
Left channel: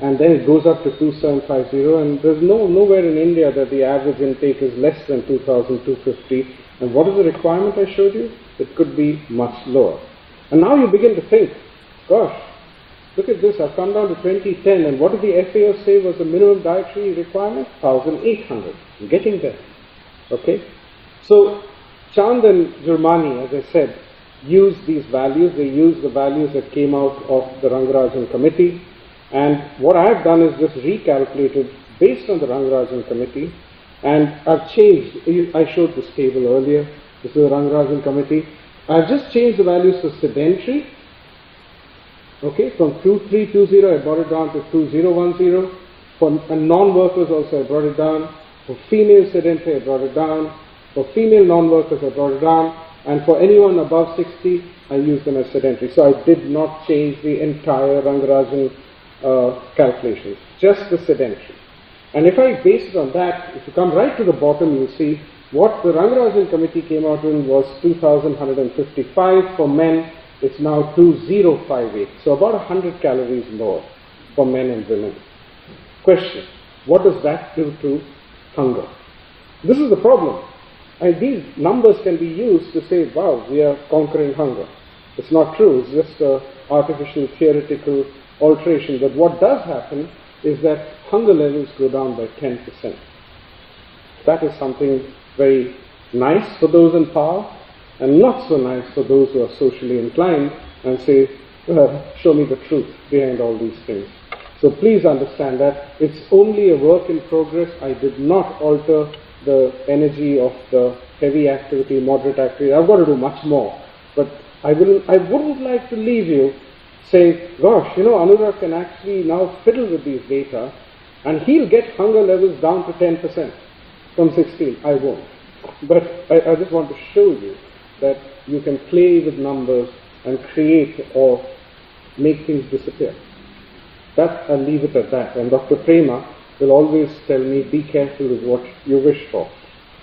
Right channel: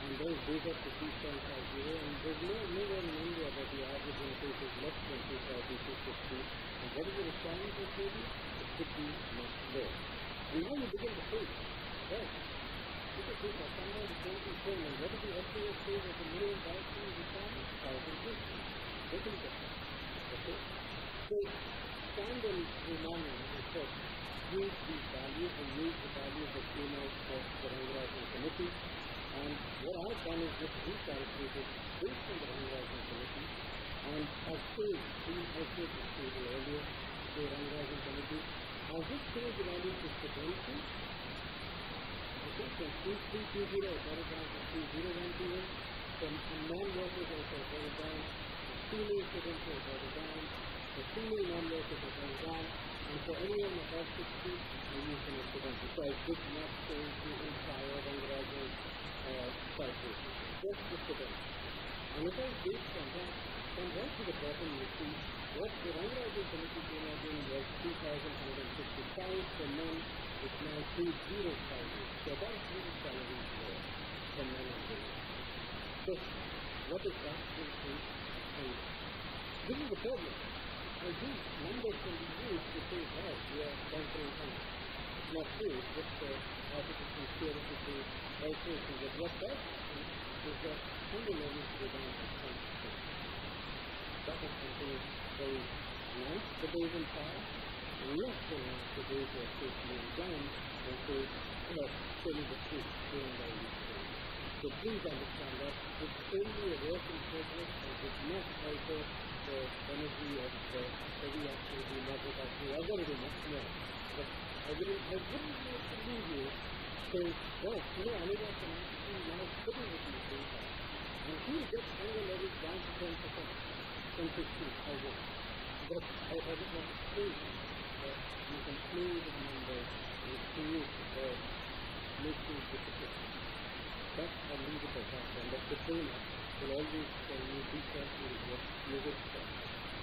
and then it goes up to 2,750, and there's nowhere in India that the average intake is less than 2,250. And what is the requirement I showed you? It could be much lower. And now you begin to think, gosh, look at this, I've come down to 2010, and what did the FAO say was the minimum dietary requirement? 1,800. I'm getting there. Okay? So Chand and Jurmani, as I said, used these values. They used the values that came out of the Rangarajan committee. And what I've done is just recalculated based on the Rangarajan committee. And I've changed, I showed this table earlier. This is the Rangarajan committee. I've just changed the values for sedentary. Okay, from 2320 I brought it down to 2010. For non-workers also I brought it down. For female sedentary I brought it down. For female non-workers I brought it down. And for anyone above 60, I used them as sedentary. So I did not change the entire Rangarajan calculations, just the sedentary. And if I base it on that, if you come right to the bottom, you'll see what the Rangarajan committee came out in was 2,155 for men. It's now 2,058. So about 100 calories more for men and women. Question, what does that do to hunger? This is the problem. And these numbers can be used to say, wow, we are conquering hunger. It's not true. It's just an artificial theoretical alteration. But what does happen is that hunger levels go down by 10%. That is something very nice for those in power and not so nice for those who are socially inclined and say, show me the truth behind all these things. So please understand that it's only a work in progress. I did not alter the energy of the heavy activity, moderate activity. I've got to do much more. But I wouldn't like to leave you saying, gosh, you know, Anura can actually now fiddle with these data and he'll get hunger levels down to 10% from 16. I won't. But I just want to show you that you can play with numbers and create or make things disappear. That, I'll leave it at that. And Dr. Prema will always tell me, be careful with what you wish for.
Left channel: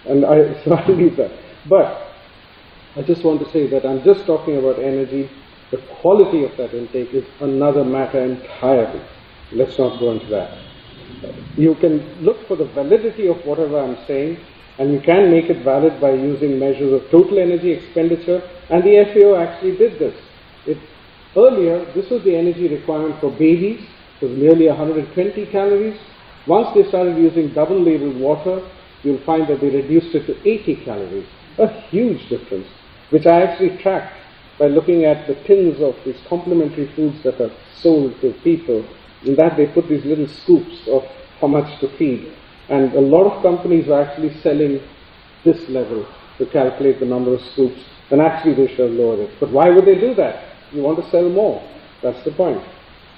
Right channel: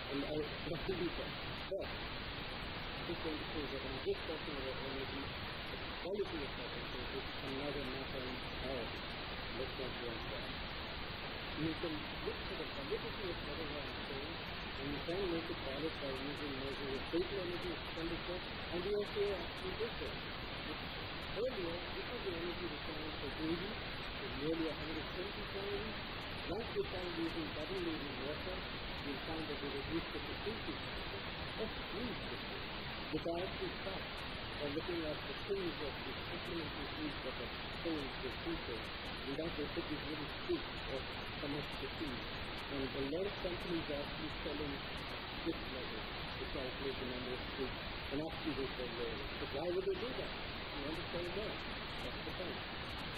And so I'll leave that. But I just want to say that I'm just talking about energy. The quality of that intake is another matter entirely. Let's not go into that. You can look for the validity of whatever I'm saying, and you can make it valid by using measures of total energy expenditure, and the FAO actually did this. Earlier, this was the energy requirement for babies. It was nearly 120 calories. Once they started using double labeled water, you'll find that they reduced it to 80 calories. A huge difference, which I actually tracked by looking at the tins of these complementary foods that are sold to people. In that they put these little scoops of how much to feed. And a lot of companies are actually selling this level to calculate the number of scoops, and actually they should have lowered it. But why would they do that? You want to sell more. That's the point.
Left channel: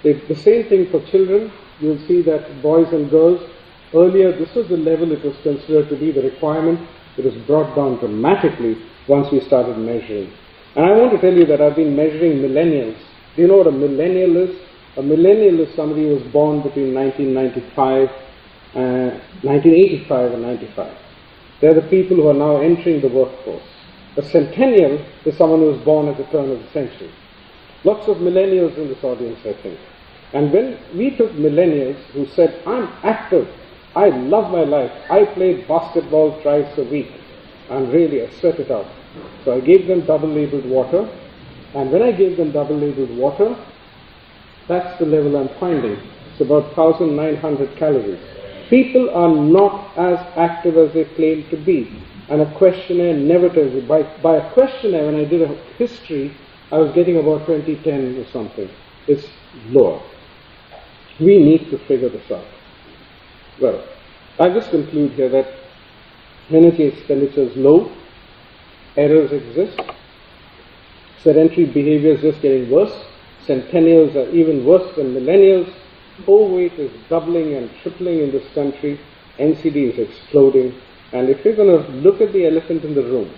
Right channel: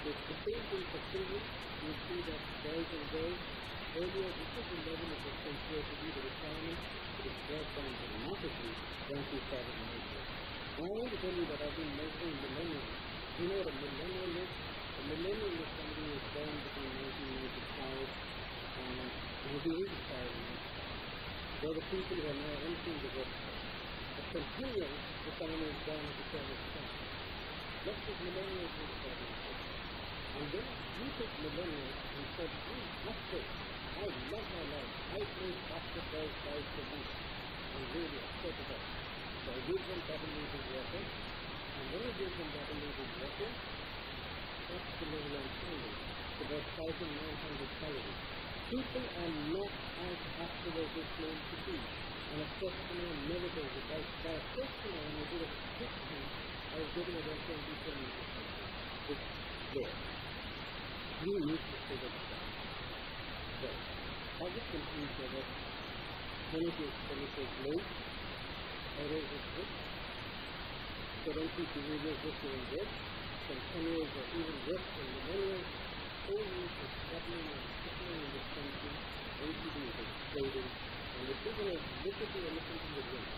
The same thing for children. You'll see that boys and girls, earlier this was the level it was considered to be the requirement. It was brought down dramatically once we started measuring. And I want to tell you that I've been measuring millennials. Do you know what a millennial is? A millennial is somebody who was born between 1995 1985 and 95. They're the people who are now entering the workforce. A centennial is someone who was born at the turn of the century. Lots of millennials in this audience, I think. And when we took millennials who said, I'm active, I love my life, I played basketball twice a week, and really I sweat it out. So I gave them double-labeled water, and when I gave them double-labeled water, that's the level I'm finding. It's about 1,900 calories. People are not as active as they claim to be. And a questionnaire never tells you. By a questionnaire, when I did a history, I was getting about 2010 or something. It's lower. We need to figure this out. Well, I'll just conclude here that energy expenditure is low, errors exist, sedentary behavior is just getting worse, centennials are even worse than millennials, overweight is doubling and tripling in this country, NCD is exploding, and if you're going to look at the elephant in the room,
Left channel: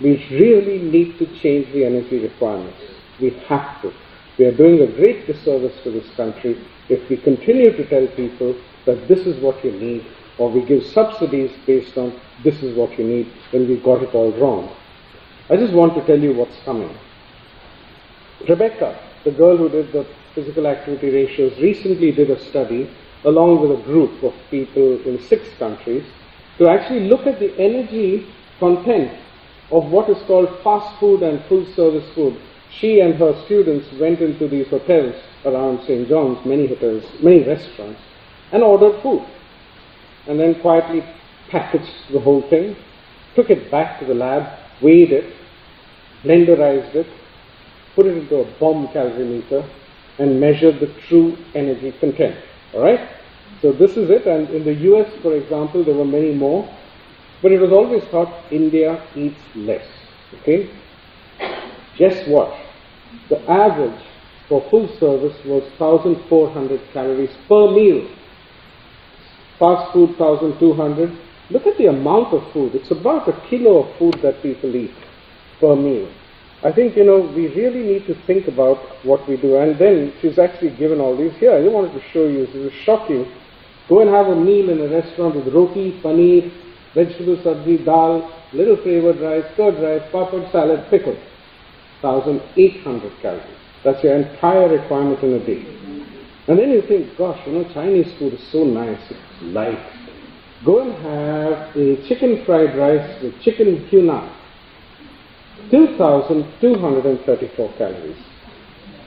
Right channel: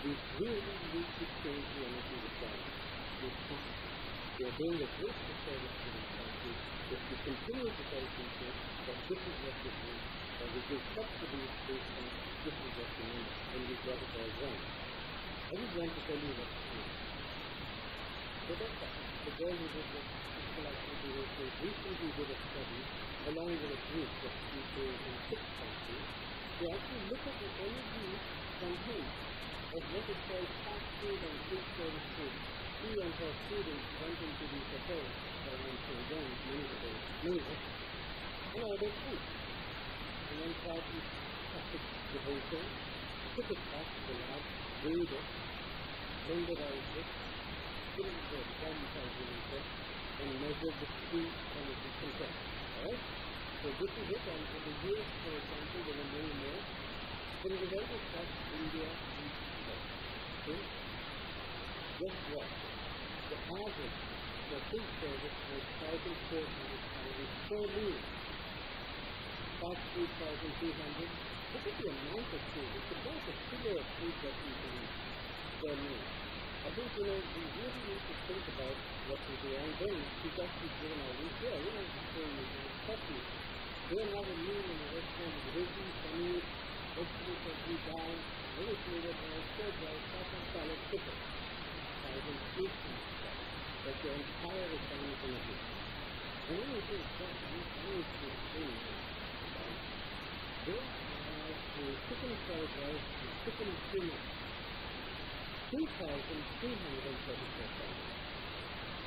we really need to change the energy requirements. We have to. We are doing a great disservice to this country if we continue to tell people that this is what you need, or we give subsidies based on this is what you need when we got it all wrong. I just want to tell you what's coming. Rebecca, the girl who did the physical activity ratios, recently did a study along with a group of people in 6 countries to actually look at the energy content of what is called fast food and full service food. She and her students went into these hotels around St. John's, many hotels, many restaurants, and ordered food. And then quietly packaged the whole thing, took it back to the lab, weighed it, blenderized it, put it into a bomb calorimeter, and measured the true energy content. Alright? So this is it, and in the US, for example, there were many more, but it was always thought India eats less. Okay? Guess what? The average for full service was 1,400 calories per meal. Fast food, 1,200. Look at the amount of food. It's about a kilo of food that people eat per meal. I think, we really need to think about what we do. And then she's actually given all these here. I just wanted to show you, this will shock you. Go and have a meal in a restaurant with roti, paneer, vegetable sabzi, dal, little flavored rice, curd rice, papad, salad, pickle. 1,800 calories. That's your entire requirement in a day. And then you think, gosh, Chinese food is so nice, it's light. Go and have a chicken fried rice with chicken tuna. 2,234 calories.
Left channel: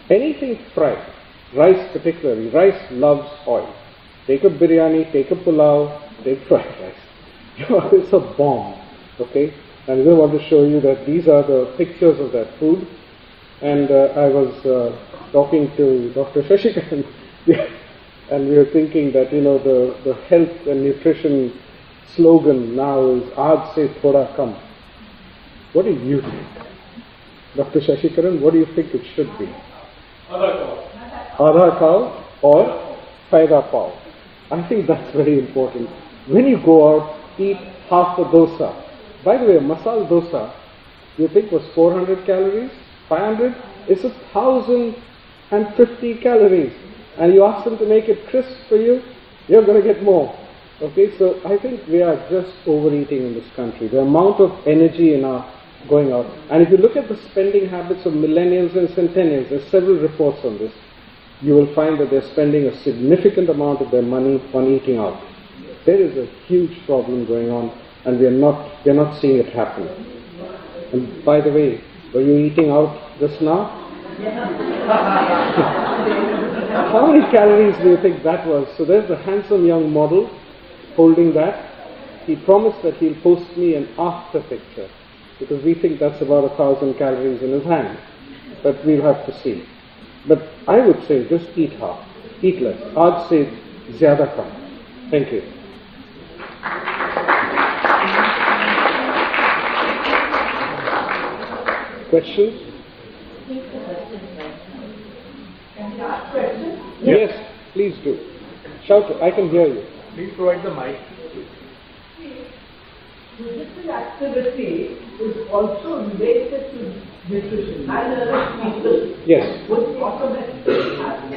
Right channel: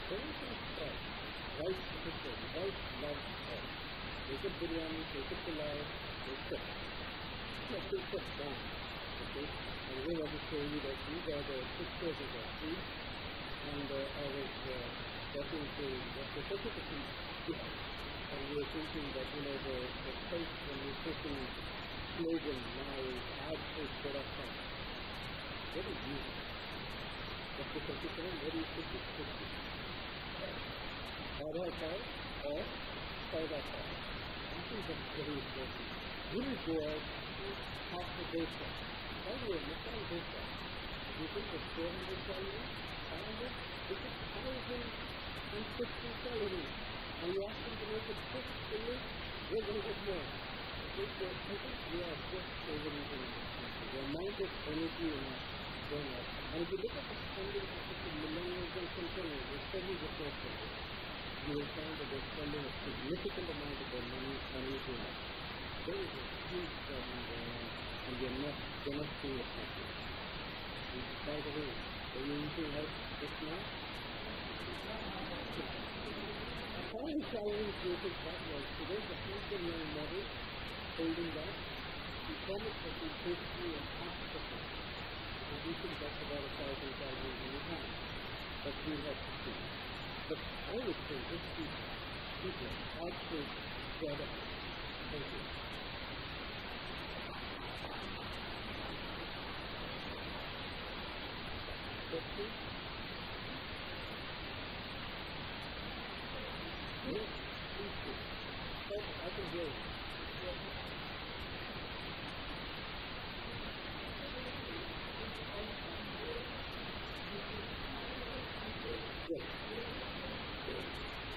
Anything fried, rice particularly, rice loves oil. Take a biryani, take a pulao, take fried rice. It's a bomb, okay? And I just want to show you that these are the pictures of that food. And I was talking to Dr. Shashikaran, and we were thinking that, the health and nutrition slogan now is Aaj se thoda kam. What do you think? Dr. Shashikaran, what do you think it should be? Adha cow or Faida pav. I think that's very important. When you go out, eat half a dosa. By the way, a masala dosa, you think was 400 calories? 500? It's 1,050 calories. And you ask them to make it crisp for you, you're going to get more. Okay, so I think we are just overeating in this country. The amount of energy in our going out. And if you look at the spending habits of millennials and centennials, there's several reports on this, you will find that they're spending a significant amount of their money on eating out. There is a huge problem going on, and we're not seeing it happen. And by the way, were you eating out just now? How many calories do you think that was? So there's the handsome young model holding that. He promised that he'll post me an after picture, because we think that's about 1,000 calories in his hand. But we'll have to see. But I would say just eat half, eat less. Aaj se zyada kam. Thank you. Questions? Yes, please do. Shout it. I can hear you. Please provide the mic. Physical activity is also related to nutrition. Yes. Would automatically happen.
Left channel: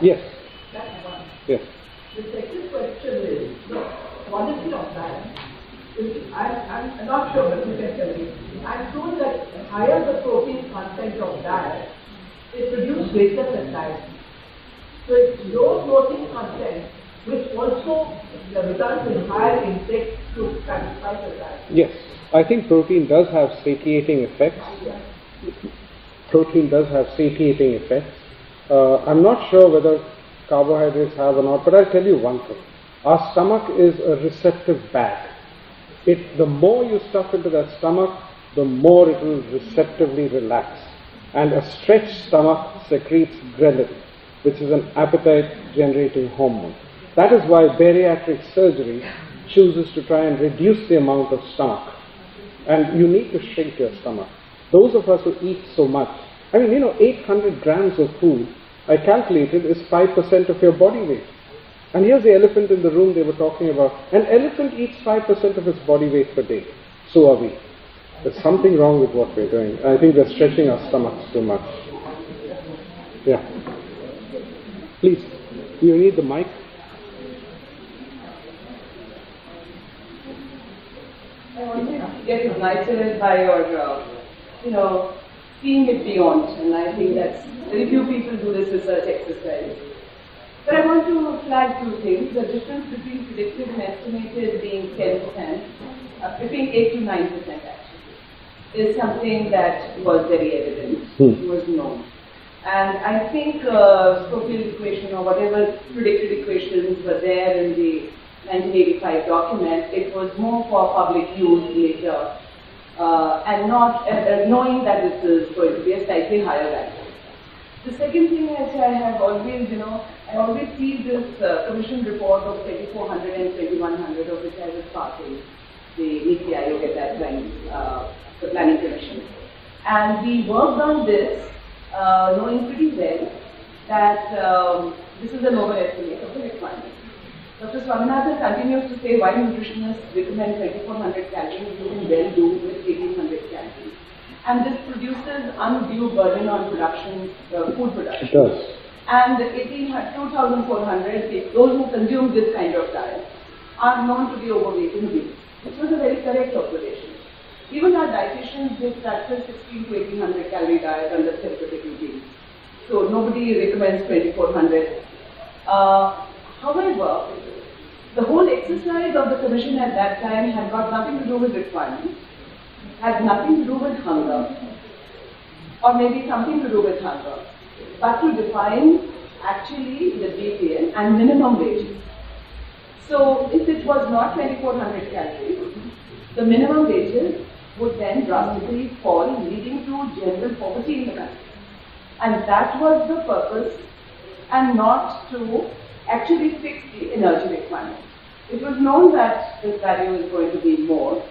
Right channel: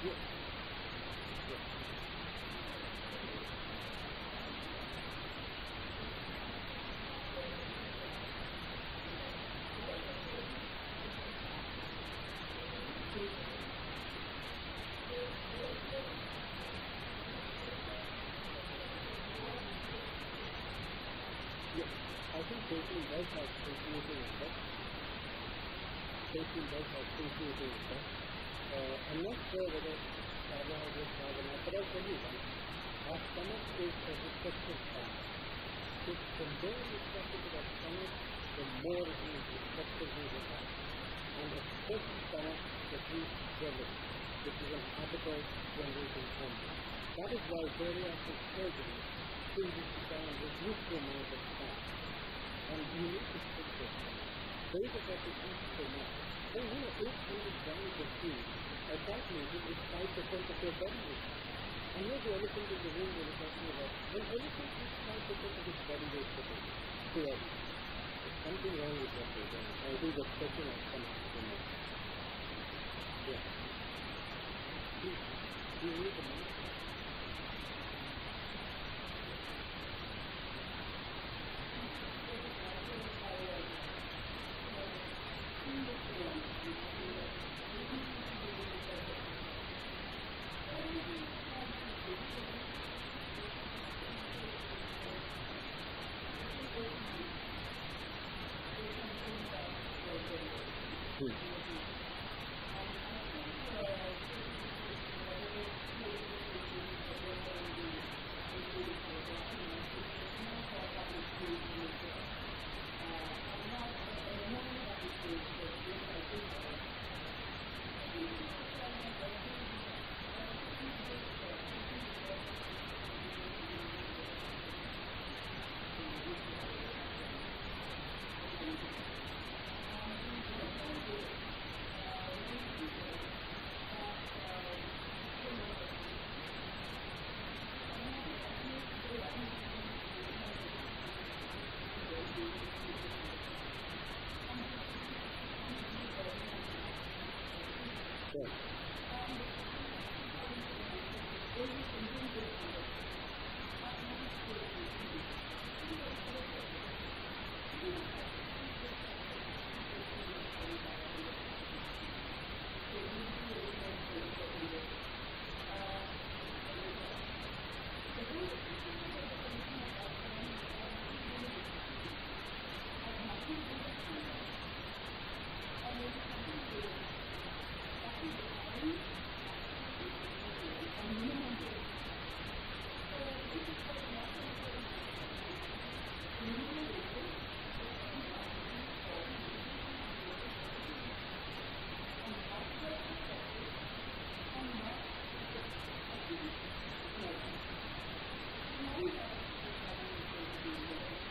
Yes. Yes. The second question is, the quality of diet. I'm not sure, but you can tell me. I'm told that higher the protein content of diet, it produces greater satiety. So it's low protein content, which also results in higher intake to satisfy satiety. Yes, I think protein does have satiating effects. Protein does have satiating effects. I'm not sure whether carbohydrates have or not, but I'll tell you one thing. Our stomach is a receptive bag. The more you stuff into that stomach, the more it will receptively relax. And a stretched stomach secretes ghrelin, which is an appetite-generating hormone. That is why bariatric surgery chooses to try and reduce the amount of stomach. And you need to shrink your stomach. Those of us who eat so much, 800 grams of food, I calculated, is 5% of your body weight. And here's the elephant in the room they were talking about. An elephant eats 5% of its body weight per day. So are we. There's something wrong with what we're doing. I think we're stretching our stomachs too much. Yeah. Please, you need the mic? I want to get ignited by your, seeing it beyond. And I think that very few people do this research exercise. But I want to flag two things. The difference between predicted and estimated being 10%, between 8 to 9% actually, is something that was very evident, was known. And I think Schofield equation or whatever predicted equations were there in the 1985 document, it was more for public use later, and not knowing that this is going to be a slightly higher value. The second thing is I have always, I always see this commission report of 2400 and 2100, of which I was part of the Niti Aayog at that time, the planning commission. And we worked on this, knowing pretty well that this is an overestimate of the requirement. Dr. Swaminathan continues to say why nutritionists recommend 2400 calories, you can well do with 1800 calories. And this produces undue burden on production, food production. It does. And 2400, those who consume this kind of diet are known to be overweight and weak. It was a very correct observation. Even our dietitians just practice 16 to 1800 calorie diet under therapeutic regime. So nobody recommends 2400. However, the whole exercise of the commission at that time had got nothing to do with requirements, had nothing to do with hunger, or maybe something to do with hunger, but to define actually the detail and minimum wages. So if it was not 2400 calories, the minimum wages would then drastically fall, leading to general poverty in the country. And that was the purpose, and not to actually fix the energy requirement. It was known that this value is going to be more.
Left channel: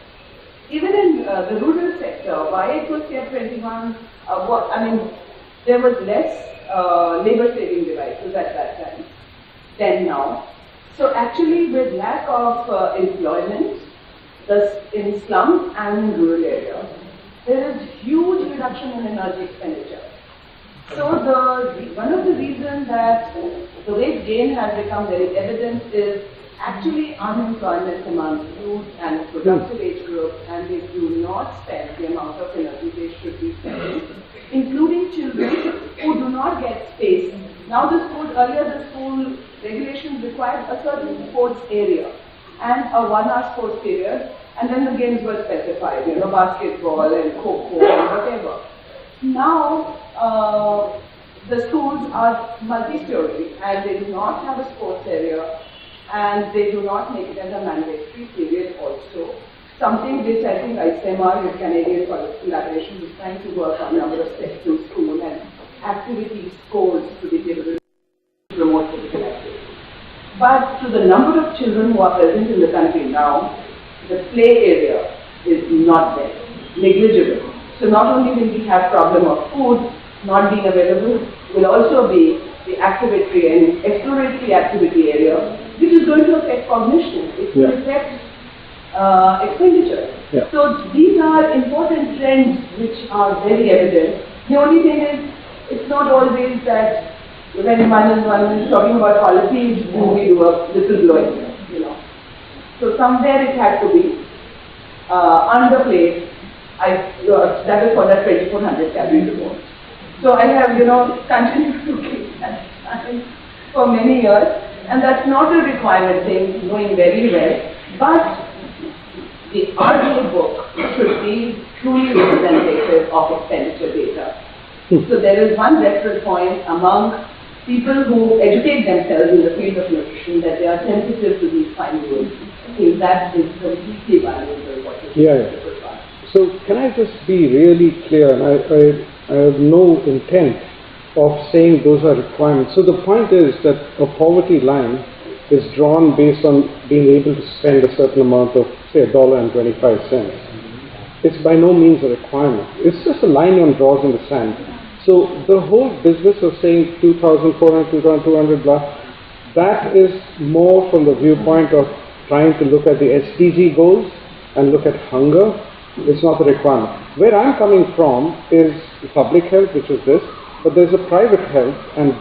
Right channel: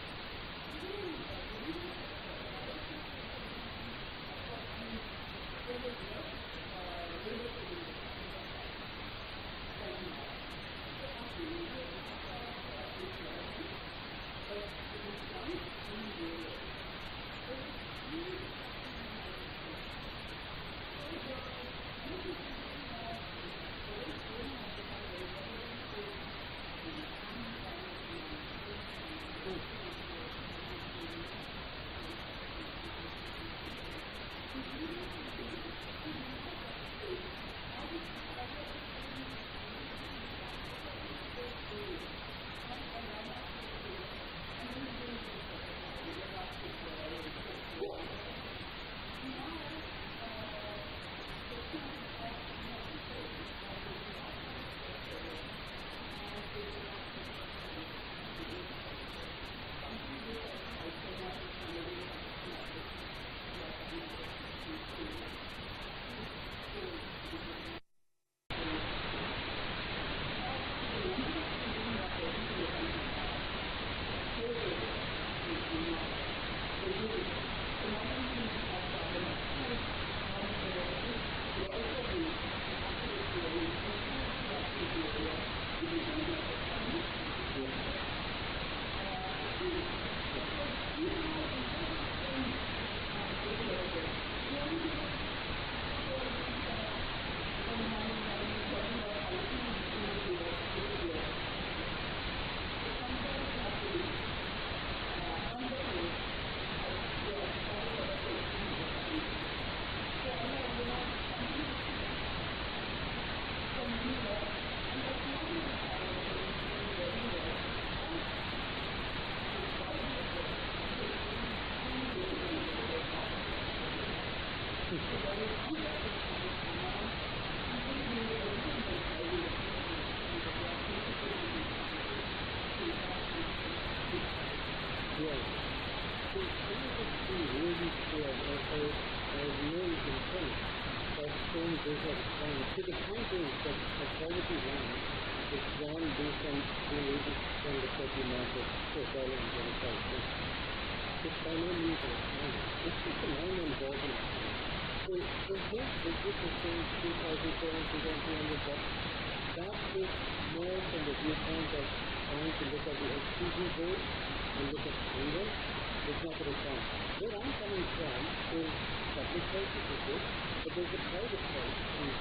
Even in the rural sector, why it was kept 21, there was less labor-saving devices at that time than now. So actually, with lack of employment, in slums and in rural areas, there is huge reduction in energy expenditure. So one of the reasons that the weight gain has become very evident is actually unemployment among youth and productive age groups, and they do not spend the amount of energy they should be spending, including children who do not get space. Now earlier the school regulations required a certain sports area and a 1 hour sports period, and then the games were specified, basketball and kho-kho and whatever. Now, the schools are multi-story and they do not have a sports area, and they do not make it as a mandatory period also. Something which I think ICMR with Canadian College Collaboration is trying to work on number of steps to school and activity scores to be able to promote physical activity. But to the number of children who are present in the country now, the play area is not there, negligible. So not only will we have problem of food not being available, will also be the activity and exploratory activity area, which is going to affect cognition, it will affect expenditure. Yeah. So these are important trends which are very evident. The only thing is, it's not always that when one is talking about policies, we do a whistleblowing, you know. So somewhere it had to be underplayed. That is for that 2400 calorie report. So I have, you know, continued to keep that for many years, and that's not a requirement thing, going very well, but the RDA book should be truly representative of expenditure data. So there is one reference point among people who educate themselves in the field of nutrition that they are sensitive to these fine rules. If that is completely valuable. Yeah. So can I just be really clear? And I have no intent of saying those are requirements. So the point is that a poverty line is drawn based on being able to spend a certain amount of, say, $1.25. It's by no means a requirement. It's just a line one draws in the sand. So the whole business of saying 2,400, 2,200 blah, that is more from the viewpoint of trying to look at the SDG goals and look at hunger. It's not a requirement. Where I'm coming from is public health, which is this, but there's a private health, and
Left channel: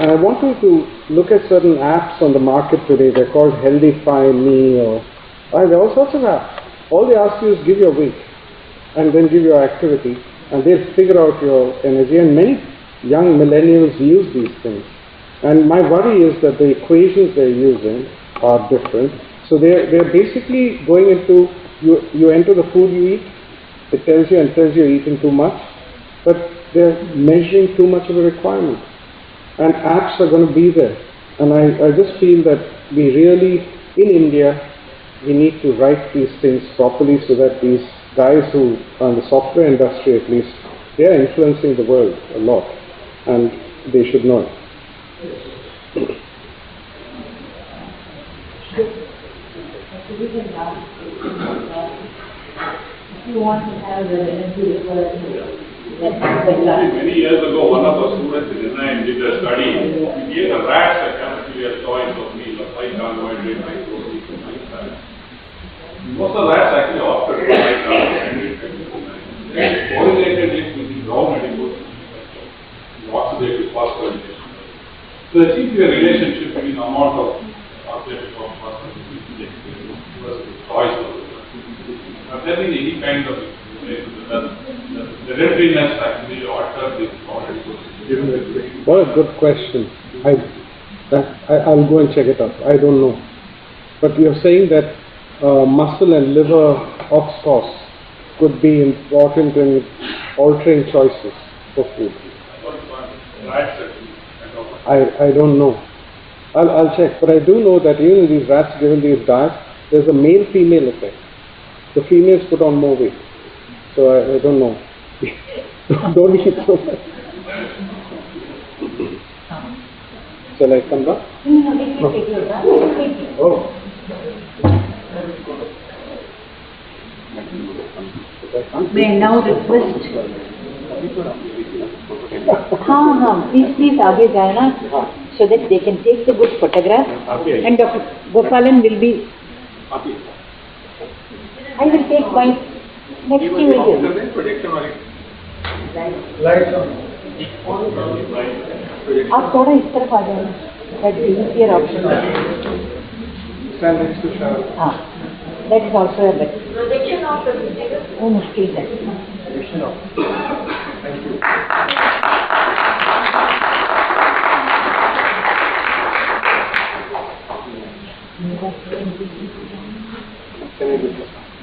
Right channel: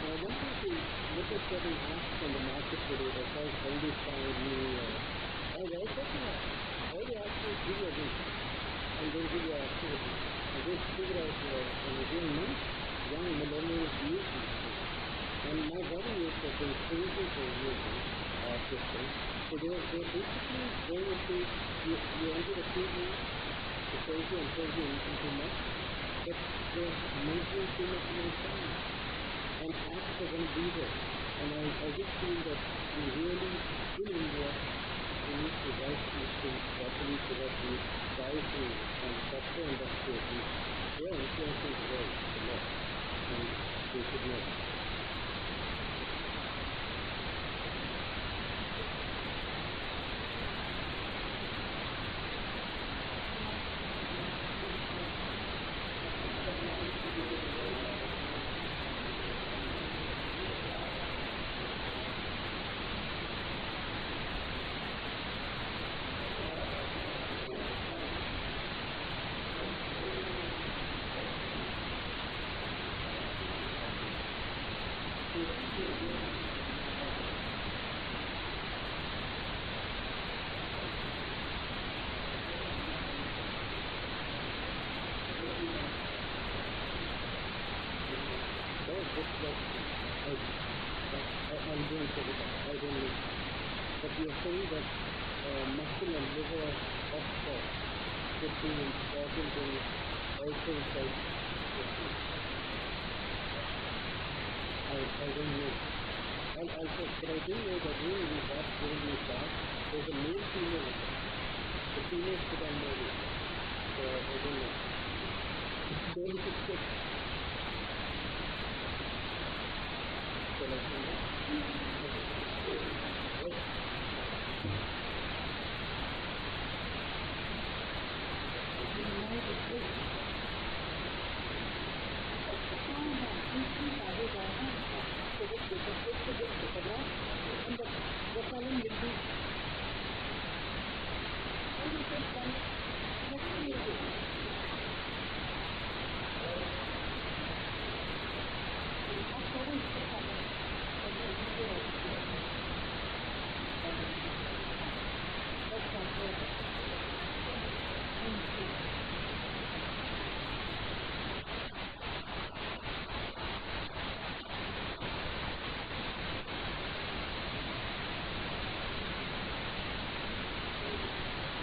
I want you to look at certain apps on the market today. They're called Healthify Me, or there are all sorts of apps. All they ask you is give your weight and then give your activity, and they'll figure out your energy. And many young millennials use these things. And my worry is that the equations they're using are different. So they're basically going into, you enter the food you eat, it tells you you're eating too much, but they're measuring too much of a requirement. And apps are going to be there. And I just feel that we really, in India, we need to write these things properly so that these guys who are in the software industry at least, they are influencing the world a lot, and they should know it. If you want to have the energy requirement, many years ago, one of our students in Chennai did a study. He gave the rats a cafeteria choice of meal of high carbohydrate, high protein, high fat. Most of the rats actually opted for high carbohydrate. They correlated it with the raw medical oxidative phosphorylated. So there seems to be a relationship between the amount of oxidative phosphorylated versus choice of it. But there been any kind of relation because the readiness actually altered this already. What a good question. I'll go and check it out. I don't know. But you're saying that muscle and liver oxphos could be important in altering choices for food. I don't know. I'll check. But I do know that even in these rats given these diets, there's a male-female effect. The females put on more weight. So I don't know. Don't eat so much. Shall I come back? Oh. May I now request? Please आगे जाना so that they can take the good photograph. And Dr. Gopalan will be. I will take my next video. आप थोड़ा इस तरफ आ जाए. That is easier option. हाँ, that is also a better. Projection of the video. वो मुश्किल है. Projection of.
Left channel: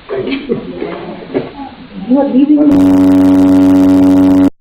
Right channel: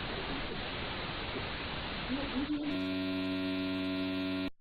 Thank you. You are leaving.